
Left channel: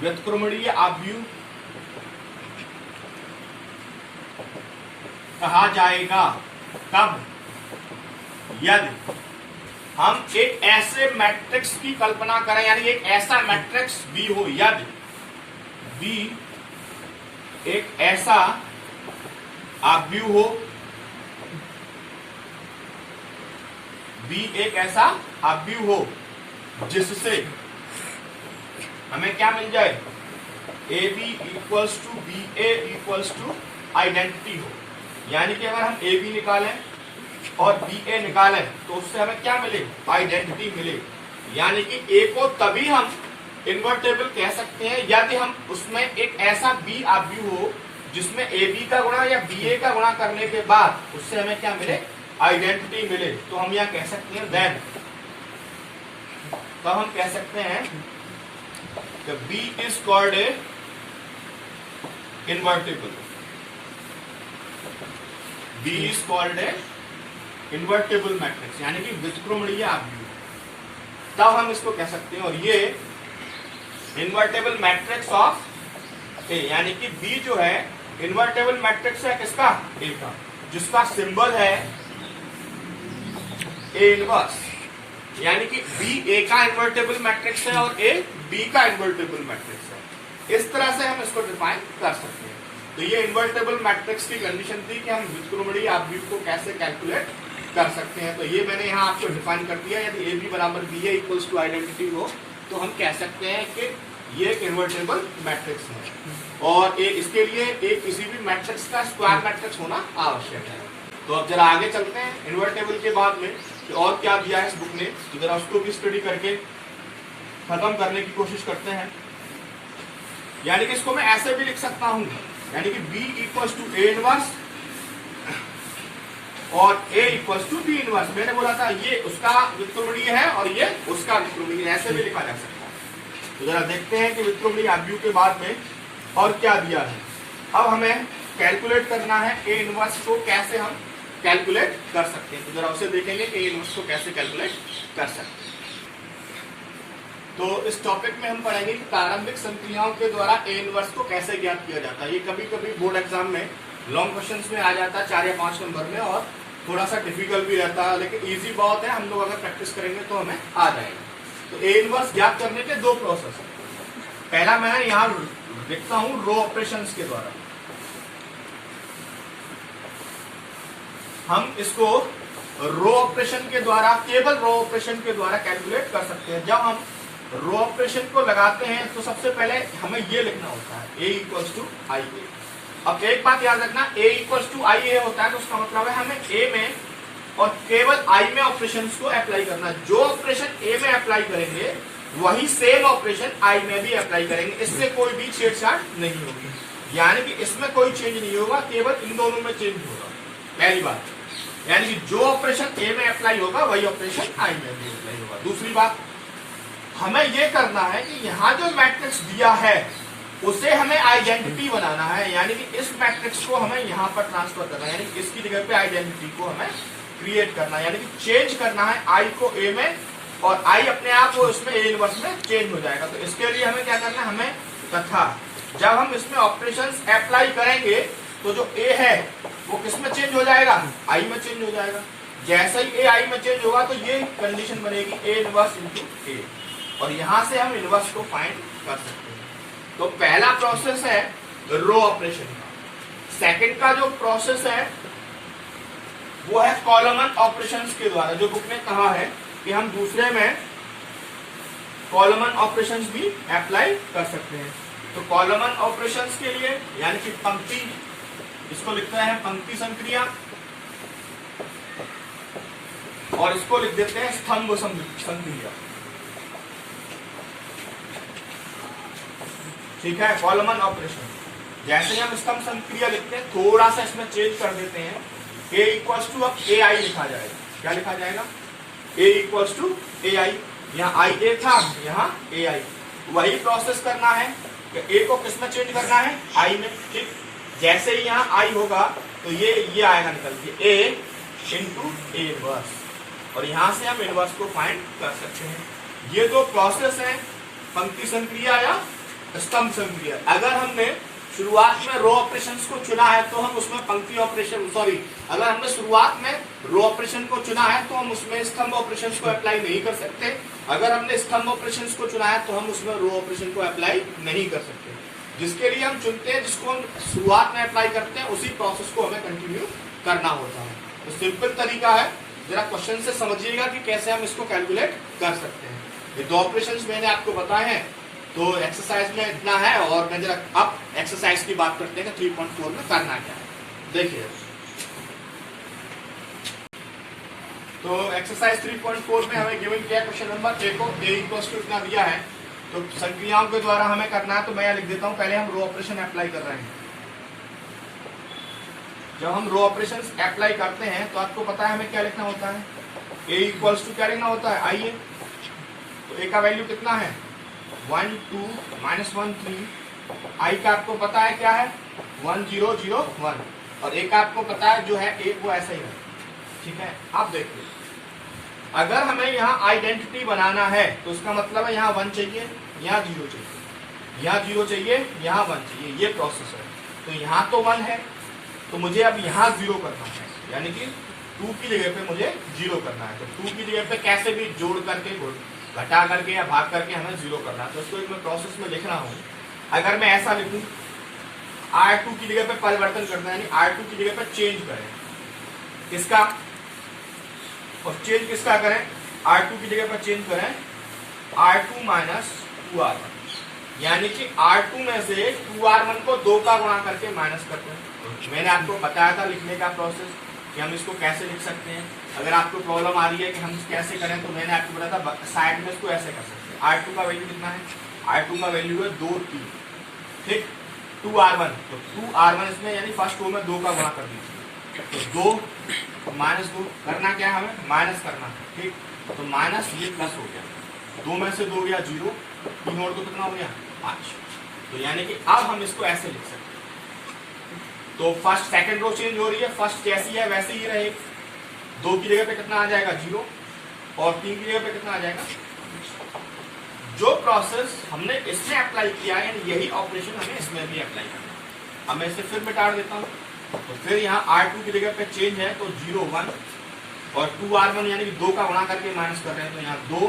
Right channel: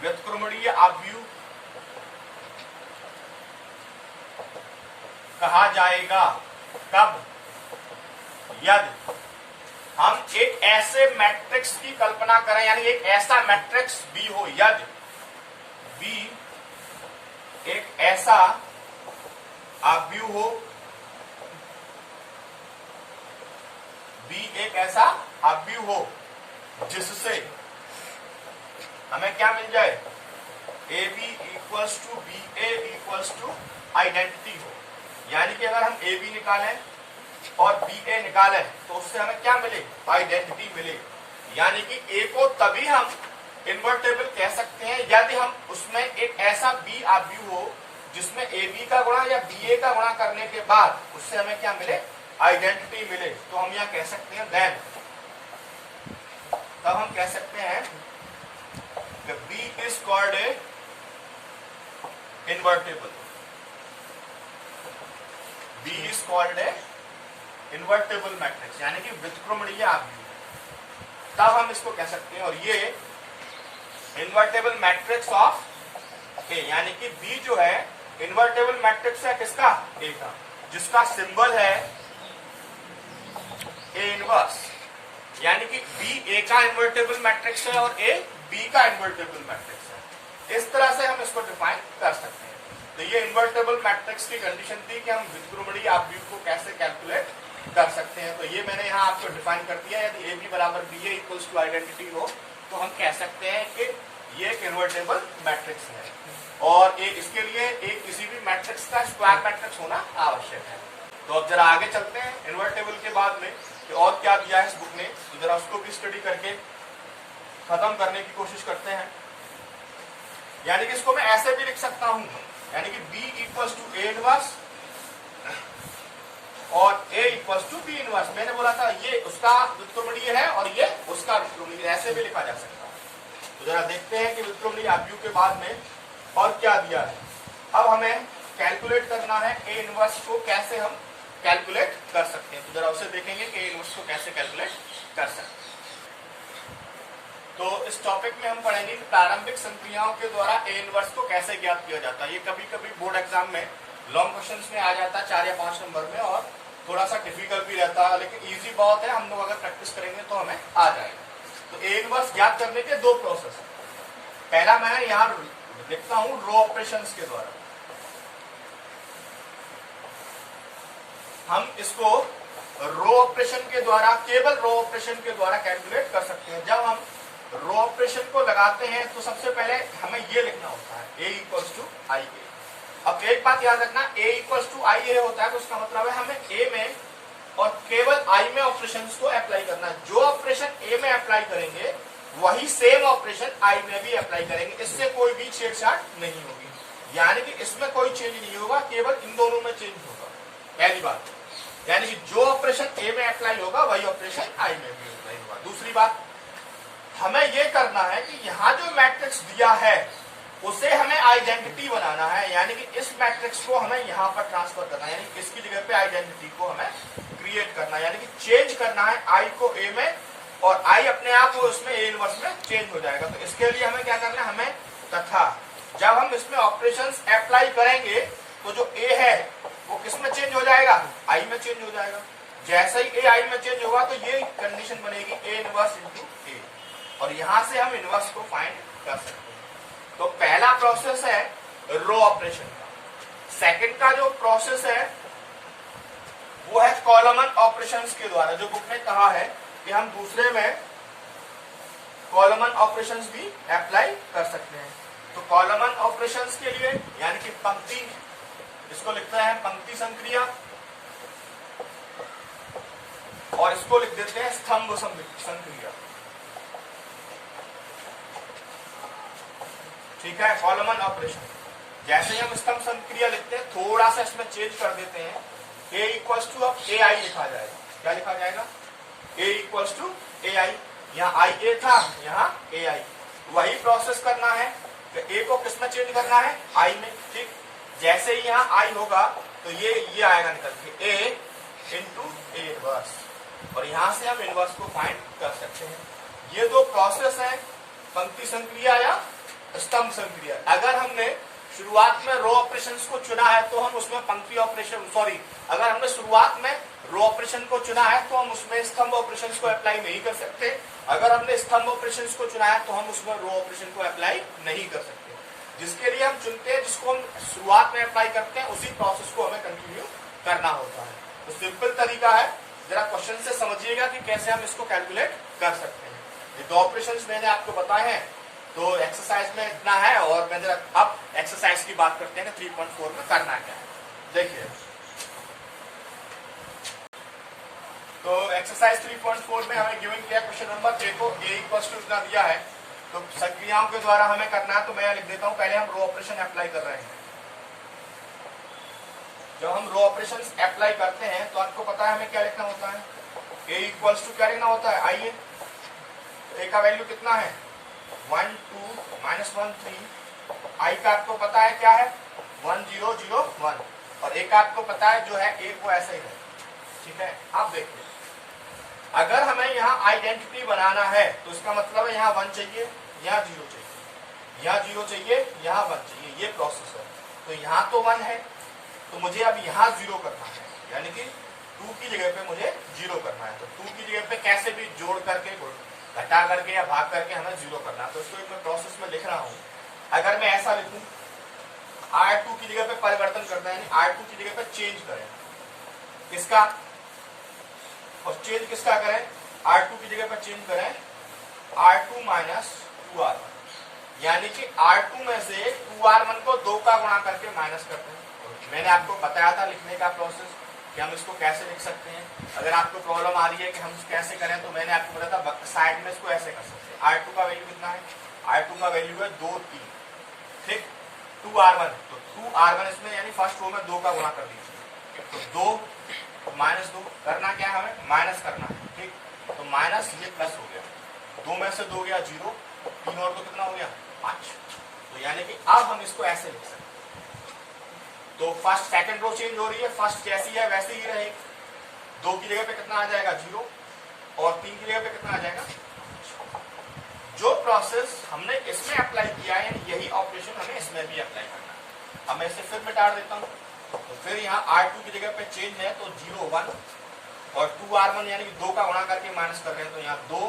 व्युत्क्रमणीय आव्यूह कहा जाएगा कब, यदि हम एक ऐसे मैट्रिक्स की कल्पना करें, यानी एक ऐसा मैट्रिक्स बी हो, यदि बी एक ऐसा आव्यूह हो, बी एक ऐसा आव्यूह हो जिससे हमें क्या मिल जाए, A B equals to B A equals to identity हो। यानी कि अगर हम ए बी निकालें और बी ए निकालें तो उससे हमें क्या मिले, आइडेंटिटी मिले। यानी कि ए को तभी हम इन्वर्टेबल कह सकते हैं यदि हम उसमें एक ऐसा बी आव्यूह हो जिसमें ए बी का गुणा या बी ए का गुणा करने के बाद उससे हमें क्या मिले, आइडेंटिटी मिले। तो हम यहां कह सकते हैं देन, तब हम कह सकते हैं कि B is called a invertible, B is called a invertible matrix, यानी कि व्युत्क्रमणीय आव्यूह। तब हम इसको कह सकते हैं, और ये इन्वर्टेबल मैट्रिक्स ऑफ ए, यानी कि बी जो है इन्वर्टेबल मैट्रिक्स है किसका, ए का, जिसका सिंबल है ए इनवर्स। यानी कि बी ए का इन्वर्टेबल मैट्रिक्स है और ए बी का इन्वर्टेबल मैट्रिक्स है। इस तरह से हम इसको डिफाइन कर सकते हैं। तो ये इन्वर्टेबल मैट्रिक्स की कंडीशन थी कि हम व्युत्क्रमणीय आव्यूह को कैसे कैलकुलेट कर सकते हैं। तो ये मैंने यहाँ आपको डिफाइन कर दिया। यदि ए बी बराबर B A equals to identity हो तो हम कह सकते हैं कि ये एक इन्वर्टेबल मैट्रिक्स है, और इसके लिए एक किसी भी मैट्रिक्स का स्क्वायर मैट्रिक्स होना आवश्यक है। तो अब जरा आगे चलते हैं इन्वर्टेबल के बाद में कि और क्या दिया है इस बुक ने, तो जरा उसको भी स्टडी करके खत्म करने की कोशिश करते हैं। यानी कि इसको मैं ऐसे भी लिख सकता हूं, यानी कि B equals to A inverse और A equals to B inverse. मैंने बोला था ये उसका व्युत्क्रमणीय है और ये उसका व्युत्क्रमणीय, ऐसे भी लिखा जा सकता है। तो जरा देखते हैं कि व्युत्क्रमणीय आव्यूह के बाद में और क्या दिया है। अब हमें कैलकुलेट करना है ए इनवर्स को, कैसे हम कैलकुलेट कर सकते हैं। तो जरा उसे देखेंगे कि ए इनवर्स को कैसे कैलकुलेट कर सकते हैं। तो इस टॉपिक में हम पढ़ेंगे कि प्रारंभिक संक्रियाओं के द्वारा ए इनवर्स को कैसे ज्ञात किया जाता है। ये कभी कभी बोर्ड एग्जाम में लॉन्ग क्वेश्चंस में आ जाता है 4 या 5 नंबर में, और थोड़ा सा डिफिकल्ट भी रहता है, लेकिन इजी बहुत है। हम लोग अगर प्रैक्टिस करेंगे तो हमें आ जाएगा। तो ए इनवर्स ज्ञात करने के 2 प्रोसेस है। पहला मैं यहाँ लिखता हूं रो ऑपरेशंस के द्वारा। हम इसको रो ऑपरेशन के द्वारा, केवल रो ऑपरेशन के द्वारा कैलकुलेट कर सकते हैं। जब हम रो ऑपरेशन को लगाते हैं तो सबसे पहले हमें ये लिखना होता है ए इक्वल्स टू आई ए। अब एक बात याद रखना, ए इक्वल्स टू आई ए होता है तो उसका मतलब है हमें ए में और केवल आई में ऑपरेशंस को अप्लाई करना। जो ऑपरेशन ए में अप्लाई करेंगे वही सेम ऑपरेशन आई में भी अप्लाई करेंगे, इससे कोई भी छेड़छाड़ नहीं होगी। यानी कि इसमें कोई चेंज नहीं होगा, केवल इन दोनों में चेंज होगा। पहली बात, यानी कि जो ऑपरेशन ए में अप्लाई होगा वही ऑपरेशन आई में भी अप्लाई होगा। दूसरी बात, हमें यह करना है कि यहाँ जो मैट्रिक्स दिया है उसे हमें आइडेंटिटी बनाना है, यानी कि इस मैट्रिक्स को हमें यहाँ पर ट्रांसफर करना है, यानी कि इसकी जगह पे आइडेंटिटी को हमें क्रिएट करना है, यानी कि चेंज करना है आई को ए में और आई अपने आप वो इसमें ए इनवर्स में चेंज हो जाएगा। तो इसके लिए हमें क्या करना है, हमें तथा जब हम इसमें ऑपरेशंस अप्लाई करेंगे तो जो ए है वो किस में चेंज हो जाएगा, आई में चेंज हो जाएगा। जैसे ही ए आई में चेंज होगा तो ये कंडीशन बनेगी ए इनवर्स इंटू ए, और यहां से हम इनवर्स को फाइंड कर सकते हैं। तो पहला प्रोसेस है रो ऑपरेशन का। सेकंड का जो प्रोसेस है वो है कॉलमन ऑपरेशंस के द्वारा, जो बुक ने कहा है कि हम दूसरे में कॉलमन ऑपरेशंस भी अप्लाई कर सकते हैं। तो कॉलमन ऑपरेशंस के लिए यानी कि पंक्ति, इसको लिखते हैं पंक्ति संक्रिया, और इसको लिख देते हैं स्तंभ संक्रिया। ठीक है, कॉलमन ऑपरेशन जैसे ही हम स्तंभ संक्रिया लिखते हैं थोड़ा सा इसमें चेंज कर देते हैं, a इक्वल्स टू अब ए आई लिखा जाएगा। क्या लिखा जाएगा, a इक्वल्स टू ए आई। यहाँ आई ए था, यहाँ ए आई। वही प्रोसेस करना है कि a को किस में चेंज करना है, आई में। ठीक, जैसे ही यहाँ आई होगा तो ये आएगा निकल के a इंटू ए इनवर्स, और यहां से हम इनवर्स को फाइंड कर सकते हैं। ये दो प्रोसेस है, पंक्ति संक्रिया या स्तंभ संक्रिया। अगर हमने शुरुआत में रो ऑपरेशंस को चुना है तो हम उसमें पंक्ति ऑपरेशन, अगर हमने शुरुआत में रो ऑपरेशन को चुना है तो हम उसमें स्तंभ ऑपरेशंस को अप्लाई नहीं कर सकते। अगर हमने स्तंभ ऑपरेशंस को चुना है तो हम उसमें रो ऑपरेशन को अप्लाई नहीं कर सकते। जिसके लिए हम चुनते हैं, जिसको हम शुरुआत में अप्लाई करते हैं, उसी प्रोसेस को हमें कंटिन्यू करना होता है। तो सिंपल तरीका है, जरा क्वेश्चन से समझिएगा कि कैसे हम इसको कैलकुलेट कर सकते हैं। ये दो ऑपरेशंस मैंने आपको बताए हैं, तो एक्सरसाइज में इतना है। और मैं जरा अब एक्सरसाइज की बात करते हैं कि 3.4 में करना क्या है। देखिए, तो एक्सरसाइज 3.4 में हमें गिवन किया क्वेश्चन नंबर देखो, a इक्वल्स टू इतना दिया है, तो संक्रियाओं के द्वारा हमें करना है। तो मैं लिख देता हूं, पहले हम रो ऑपरेशन अप्लाई कर रहे हैं। जब हम रो ऑपरेशन अप्लाई करते हैं तो आपको पता है हमें क्या लिखना होता है, a इक्वल्स टू क्या लिखना होता है, आइए। तो a का वैल्यू कितना है, 1 2 -1 3। आई का आपको पता है क्या है, 1 0 0 1, और एक आपको पता है जो है एक वो ऐसा ही है। ठीक है, आप देखिए, अगर हमें यहाँ आइडेंटिटी बनाना है तो इसका मतलब है यहाँ 1 चाहिए, यहाँ 0 चाहिए, यहाँ 0 चाहिए, यहाँ 1 चाहिए, ये प्रोसेस है। तो यहाँ तो 1 है, तो मुझे अब यहाँ 0 करना है, यानी कि 2 की जगह पे मुझे 0 करना है। तो 2 की जगह पे कैसे भी जोड़ करके, घटा करके या भाग करके हमें 0 करना है। तो इसको एक मैं प्रोसेस में लिख रहा हूँ। अगर मैं ऐसा लिखूं, R2 की जगह पे परिवर्तन करना है, यानी R2 की जगह पे चेंज करें, किसका, और चेंज किसका करें, R2 की जगह पे चेंज करें R2 माइनस 2R1, यानी कि R2 में से 2R1 को 2 का गुणा करके माइनस करते हैं। मैंने आपको बताया था लिखने का प्रोसेस कि हम इसको कैसे लिख सकते हैं। अगर आपको प्रॉब्लम आ रही है कि हम कैसे करें, तो मैंने आपको बताया था साइड में इसको ऐसे कर सकते हैं। R2 का वैल्यू कितना है, R2 का वैल्यू है 2 3, ठीक, 2R1, तो 2R1 इसमें यानी फर्स्ट रो में 2 का गुणा कर दीजिए, तो 2 माइनस 2 करना क्या है, हमें माइनस करना है। ठीक, तो माइनस ये प्लस हो गया, 2 में से 2 गया 0, 3 और 2 कितना हो गया 5। तो यानी कि अब हम इसको ऐसे लिख सकते हैं। तो फर्स्ट सेकंड रो चेंज हो रही है, फर्स्ट जैसी है वैसे ही रहेगी। 2 की जगह पे कितना आ जाएगा 0, और 3 की जगह पे कितना आ जाएगा। जो प्रोसेस हमने इसमें अप्लाई किया है, यही ऑपरेशन हमें इसमें भी अप्लाई करना है। अब मैं इसे फिर मिटा देता हूँ, तो फिर यहाँ R2 की जगह पे चेंज है, तो 0 1, और 2R1 यानी कि 2 का गुणा करके माइनस कर रहे हैं, तो यहाँ 2,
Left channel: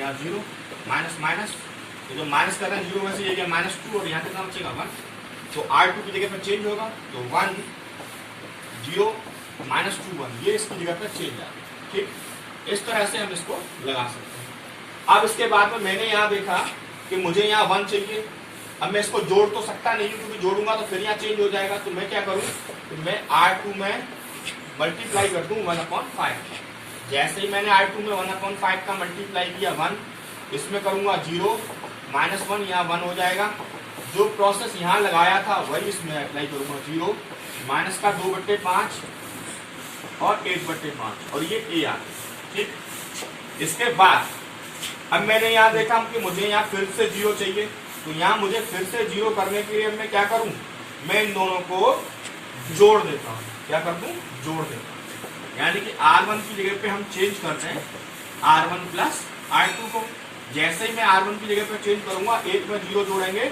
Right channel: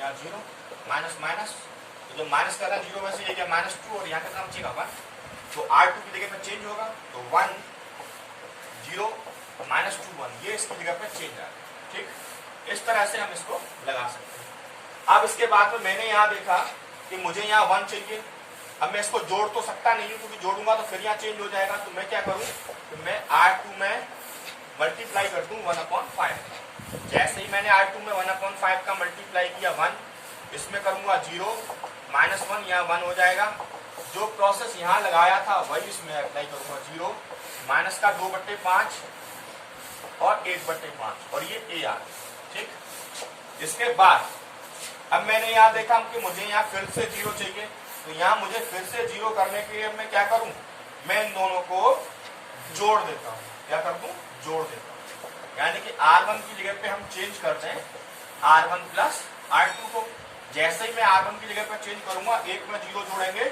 यहाँ 0, माइनस माइनस, तो जो माइनस कर रहे हैं 0 में से ये गया -2, और यहाँ कितना बचेगा 1। तो R2 की जगह पे चेंज होगा, तो 1 0 -2 1, ये इसकी जगह पे चेंज आएगा। ठीक, इस तरह से हम इसको लगा सकते हैं। अब इसके बाद में मैंने यहाँ देखा कि मुझे यहाँ 1 चाहिए। अब मैं इसको जोड़ तो सकता नहीं हूँ, क्योंकि जोड़ूंगा तो फिर यहाँ चेंज हो जाएगा। तो मैं क्या करूँ, तो मैं R2 में मल्टीप्लाई कर दूँ 1/5। जैसे ही मैंने R2 में 1/5 का मल्टीप्लाई किया 1, इसमें करूंगा 0 -1, यहाँ 1 हो जाएगा। जो प्रोसेस यहाँ लगाया था वही इसमें अप्लाई करूंगा, 0 माइनस का 2/5 और 1/5, और ये ए आ गया। ठीक, इसके बाद अब मैंने यहाँ देखा कि मुझे यहाँ फिर से 0 चाहिए, तो यहाँ मुझे फिर से 0 करने के लिए मैं क्या करूँ, मैं इन दोनों को जोड़ देता हूँ। क्या कर दूँ, जोड़ देता हूँ, यानी कि R1 की जगह पे हम चेंज करते हैं R1 प्लस R2 को जैसे ही मैं R1 की जगह पर चेंज करूंगा, एक में 0 जोड़ेंगे,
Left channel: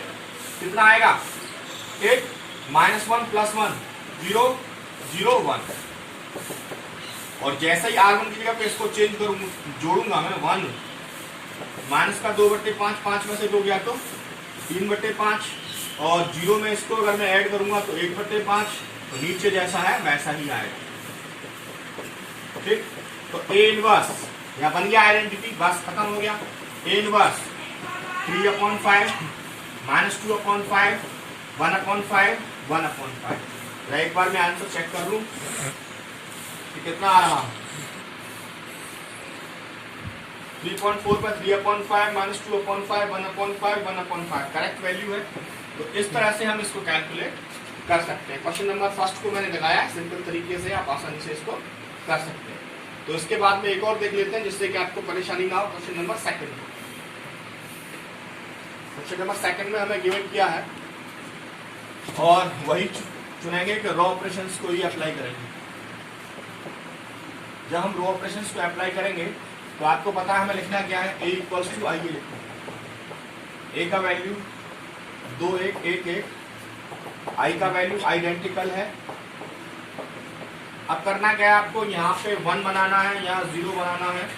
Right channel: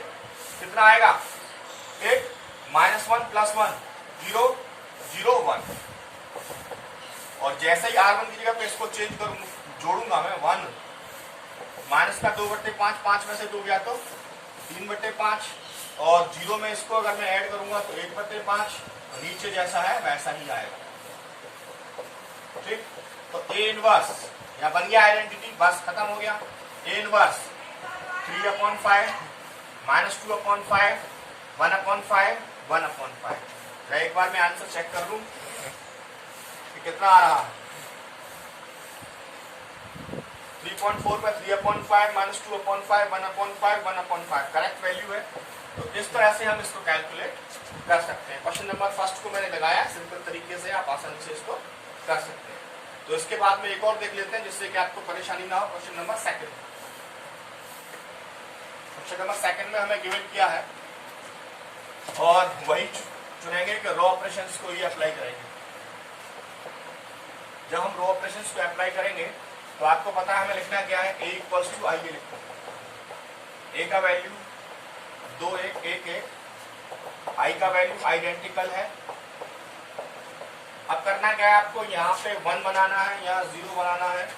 कितना आएगा, एक -1 + 1 0 0 1। और जैसे ही R1 की जगह पे इसको चेंज करूंगा, जोड़ूंगा मैं 1, माइनस का 2/5, 5 में से 2 गया तो 3/5, और 0 में इसको अगर मैं ऐड करूंगा तो 1/5, तो नीचे जैसा है वैसा ही आएगा। ठीक, तो A इनवर्स यहाँ बन गया आइडेंटिटी, बस खत्म हो गया। A inverse 3/5 -2/5 1/5 1/5। एक बार मैं आंसर चेक कर लूं कि कितना आ रहा, 3.4 पर 3/5 -2/5 1/5 1/5 करेक्ट वैल्यू है। तो इस तरह से हम इसको कैलकुलेट कर सकते हैं। क्वेश्चन नंबर फर्स्ट को मैंने लगाया, सिंपल तरीके से आप आसानी से इसको कर सकते हैं। तो इसके बाद में एक और देख लेते हैं जिससे कि आपको परेशानी ना हो। Question number second, question number second में हमें गिवन किया है और वही चुनेंगे कि रॉ ऑपरेशंस को ही अप्लाई करेंगे। जब हम रॉ ऑपरेशंस को अप्लाई करेंगे तो आपको पता है हमें लिखना क्या है, A = I लिखो। A का वैल्यू 2 1 1 1, I का वैल्यू आइडेंटिकल है। अब करना क्या है आपको, यहाँ पे 1 बनाना है, यहाँ 0 बनाना है,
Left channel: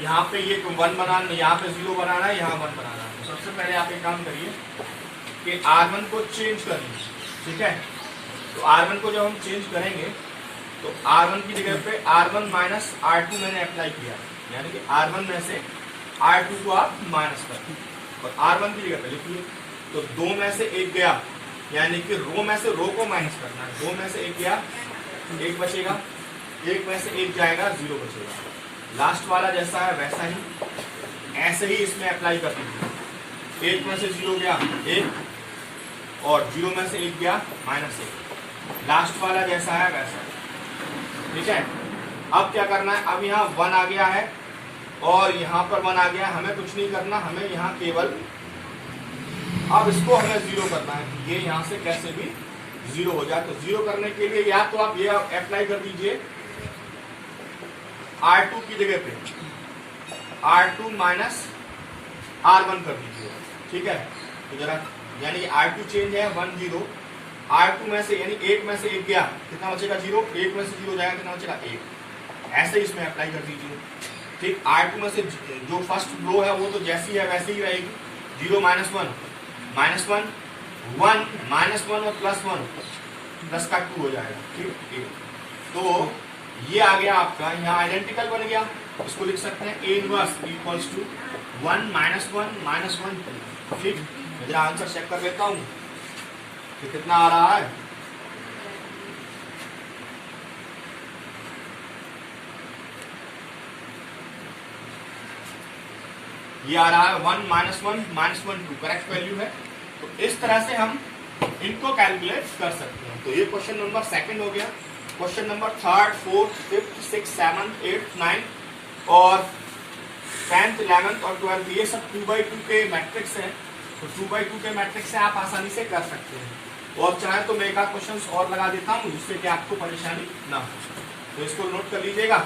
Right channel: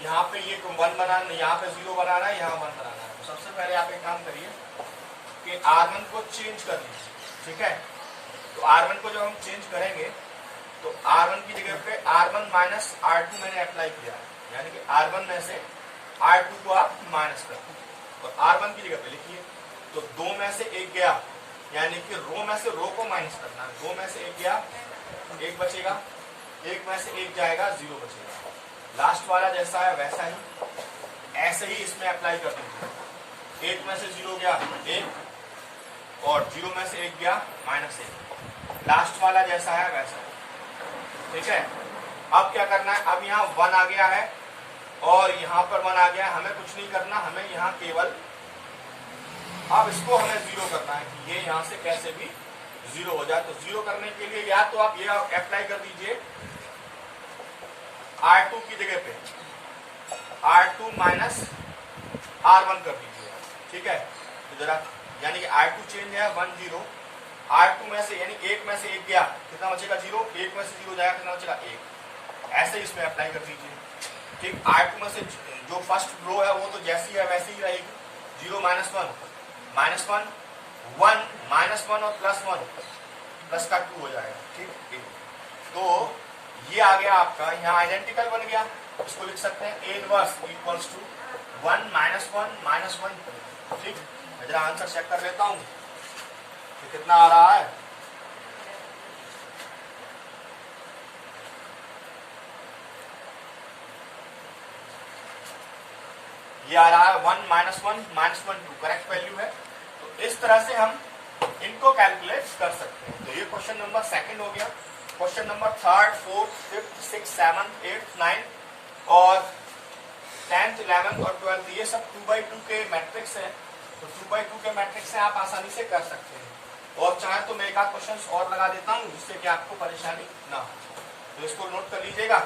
यहाँ पे ये 1 बनाना, यहाँ पे 0 बनाना है, यहाँ 1 बनाना है। तो सबसे पहले आप एक काम करिए कि R1 को चेंज कर लीजिए। ठीक है, तो R1 को जब हम चेंज करेंगे तो R1 की जगह पे R1 माइनस R2 मैंने अप्लाई किया, यानी कि R1 में से R2 को आप माइनस कर और R1 की जगह पे लिखिए। तो 2 में से 1 गया, यानी कि रो में से रो को माइनस करना है। 2 में से 1 गया, 1 बचेगा, 1 में से 1 जाएगा, 0 बचेगा। लास्ट वाला जैसा है वैसा ही ऐसे ही इसमें अप्लाई कर दीजिए। 1 में से 0 गया 1, और 0 में से 1 गया -1, लास्ट वाला जैसा है वैसा। ठीक है, अब क्या करना है, अब यहाँ 1 आ गया है और यहाँ पर 1 आ गया है, हमें कुछ नहीं करना, हमें यहाँ केवल अब इसको हमें 0 करना है। ये यहाँ से कैसे भी 0 हो जाए। तो 0 करने के लिए या तो आप ये अप्लाई कर दीजिए R2 की जगह पे R2 माइनस R1 कर दीजिए। ठीक है, तो जरा यानी कि R2 चेंज है 1 0, R2 में से यानी 1 में से 1 गया, कितना बचेगा 0, 1 में से 0 जाएगा, कितना बचेगा 1। ऐसे ही इसमें अप्लाई कर दीजिए। ठीक, R2 में से जो फर्स्ट रो है वो तो जैसी है वैसी ही रहेगी, 0 -1 -1 1 -1 और +1 प्लस का 2 हो जाएगा। ठीक, तो ये आ गया आपका, यहाँ आइडेंटिकल बन गया। इसको लिख सकते हैं A इनवर्स = 1 -1 -1 2। ठीक, मैं जरा आंसर चेक कर लेता हूँ कि कितना आ रहा है। ये आ रहा है 1 -1 -1 2 करेक्ट वैल्यू है। तो इस तरह से हम इनको कैलकुलेट कर सकते हैं। तो ये क्वेश्चन नंबर सेकंड हो गया। Question number 3rd 4th 5th 6th 7th 8th 9th और 10th 11th और 12th ये सब 2x2 के मैट्रिक्स हैं। तो 2x2 के मैट्रिक्स से आप आसानी से कर सकते हैं। और चाहे तो मैं एक आध क्वेश्चन और लगा देता हूँ जिससे कि आपको परेशानी ना हो। तो इसको नोट कर लीजिएगा।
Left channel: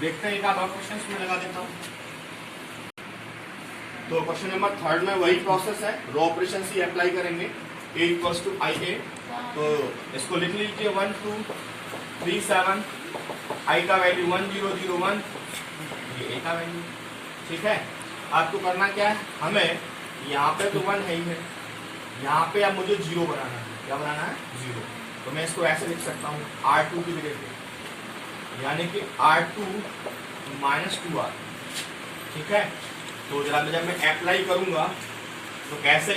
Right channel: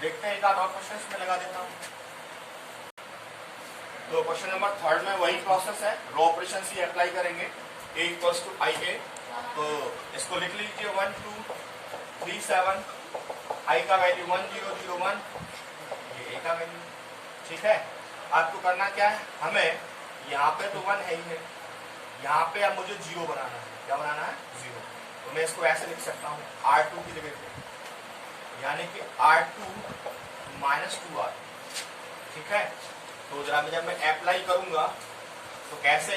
देखते हैं एक आध और क्वेश्चन में लगा देता हूँ। तो क्वेश्चन नंबर 3rd में वही प्रोसेस है, रॉ ऑपरेशन ही अप्लाई करेंगे। A = IA, तो इसको लिख लीजिए 1 2 3 7, I का वैल्यू 1 0 0 1, ये A का वैल्यू। ठीक है, आपको करना क्या है, हमें यहाँ पे तो 1 है ही है, यहाँ पे अब मुझे 0 बनाना है। क्या बनाना है, 0। तो मैं इसको ऐसे लिख सकता हूँ R2 की जगह पे, यानी कि R2 -2R। ठीक है, तो जब मैं अप्लाई करूंगा तो कैसे,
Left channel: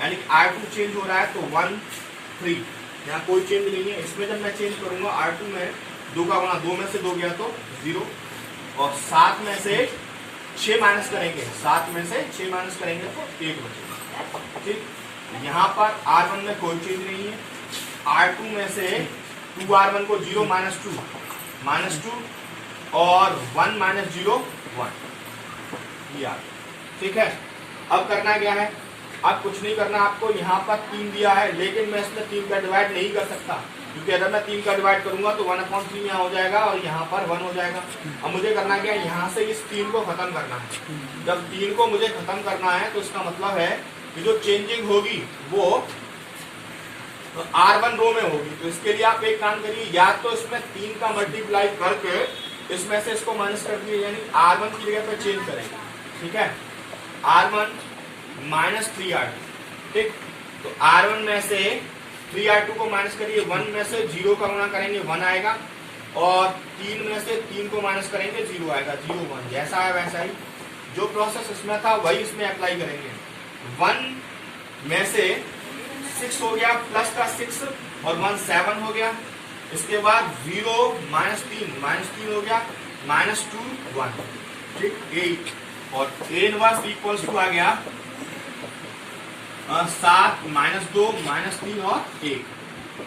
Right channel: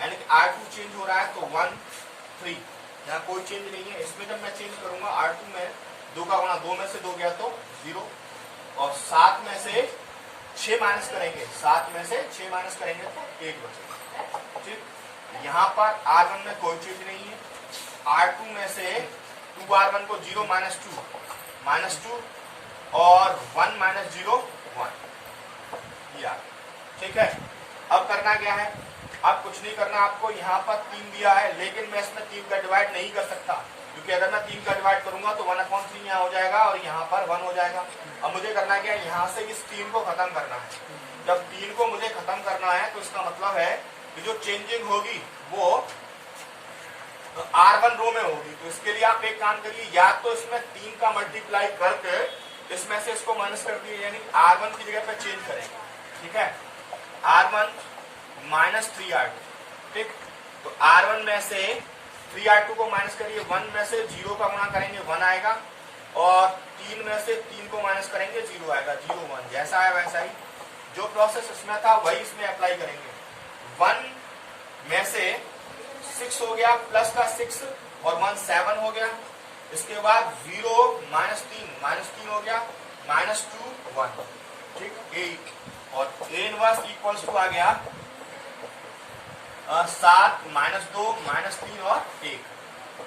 यानी कि R2 चेंज हो रहा है तो 1 3, यहाँ कोई चेंज नहीं है। इसमें जब मैं चेंज करूंगा R2 में 2 का गुणा, 2 में से 2 गया तो 0, और 7 में से 6 माइनस करेंगे, 7 में से 6 माइनस करेंगे तो 1 बचेगा। ठीक, यहाँ पर R1 में कोई चेंज नहीं है। R2 में से 2R1 को 0 -2 और 1 -0 1 दिया। ठीक है, अब करना क्या है, अब कुछ नहीं करना आपको। यहाँ पर 3 दिया है लेकिन मैं इसमें 3 का डिवाइड नहीं कर सकता, क्योंकि अगर मैं 3 का डिवाइड करूंगा तो 1/3 यहाँ हो जाएगा और यहाँ पर 1 हो जाएगा। अब मुझे करना क्या है, यहाँ से इस 3 को खत्म करना है। जब 3 को मुझे खत्म करना है तो इसका मतलब है कि जो चेंजिंग होगी वो R1 रो में होगी। तो इसके लिए आप एक काम करिए, या तो इसमें 3 का मल्टीप्लाई करके इसमें से इसको माइनस कर दिए, यानी R1 की जगह पे चेंज करेंगे। ठीक है, R1 माइनस 3R2। ठीक, तो R1 में से 3R2 को माइनस करिए, 1 में से 0 का गुणा करेंगे 1 आएगा, और 3 में से 3 को माइनस करेंगे 0 आएगा, 0 1। जैसा है वैसा ही जो प्रोसेस इसमें था वही इसमें अप्लाई करेंगे। 1 में से 6 हो गया, प्लस का 6 और 1 7 हो गया। इसके बाद 0 -3 हो गया, -2 1। ठीक, 8 और A इनवर्स इक्वल्स टू आ गया 7 -2 -3 और 1।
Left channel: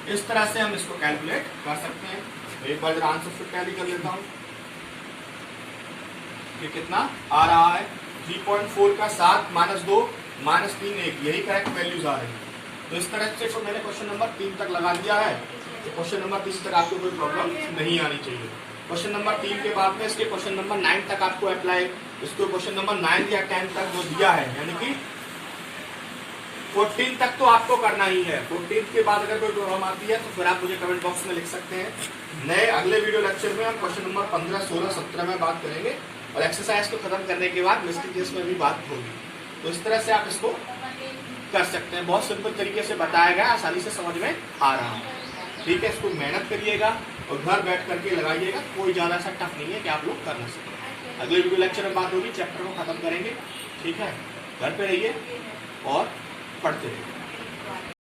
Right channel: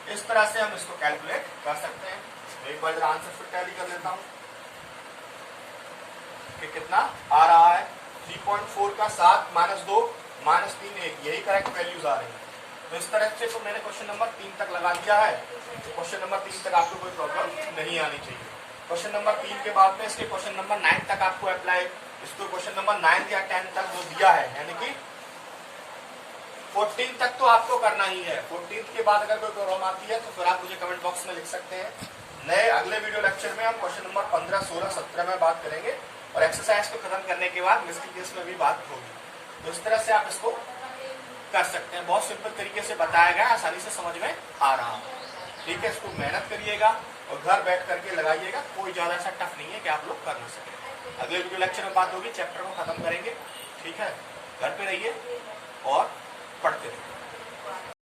इस तरह से हम इसको कैलकुलेट कर सकते हैं। एक बार आंसर फिर टैली कर लेता हूं कि कितना आ रहा है। 3.4 का 7 -2 -3 1, यही करेक्ट वैल्यूज आ रही है। तो इस तरह से तो मैंने क्वेश्चन नंबर 3 तक लगा दिया है। तो क्वेश्चन नंबर 3 तक आपको कोई प्रॉब्लम नहीं आनी चाहिए। क्वेश्चन नंबर 3 के बाद में इसके क्वेश्चन नंबर 9 तक आपको अप्लाई, इसको क्वेश्चन नंबर 9 या 10 तक जो दिया है, यानी कि 14 तक तो आपको करना ही है। 14 के बाद अगर कोई प्रॉब्लम आती है तो फिर आप मुझे कमेंट बॉक्स में लिख सकते हैं। नए अगले वीडियो लेक्चर में हम क्वेश्चन नंबर 15, 16, 17 में बात करेंगे, और एक्सरसाइज को खत्म करने के बाद मिस्टेक केस में भी बात होगी। तो इस तरह से आप इसको कर सकते हैं। बहुत सिंपल तरीके से बताया गया, आसानी से समझ में आ रहा है। ठीक है, इसको मेहनत करिएगा और घर बैठ करके लगाइएगा। कोई ज्यादा ऐसा टफ नहीं है कि आप लोग कर ना सकें। अगले वीडियो लेक्चर में बात होगी, चैप्टर को खत्म करेंगे। ठीक है, घर पे रहिए और पढ़ते रहिए।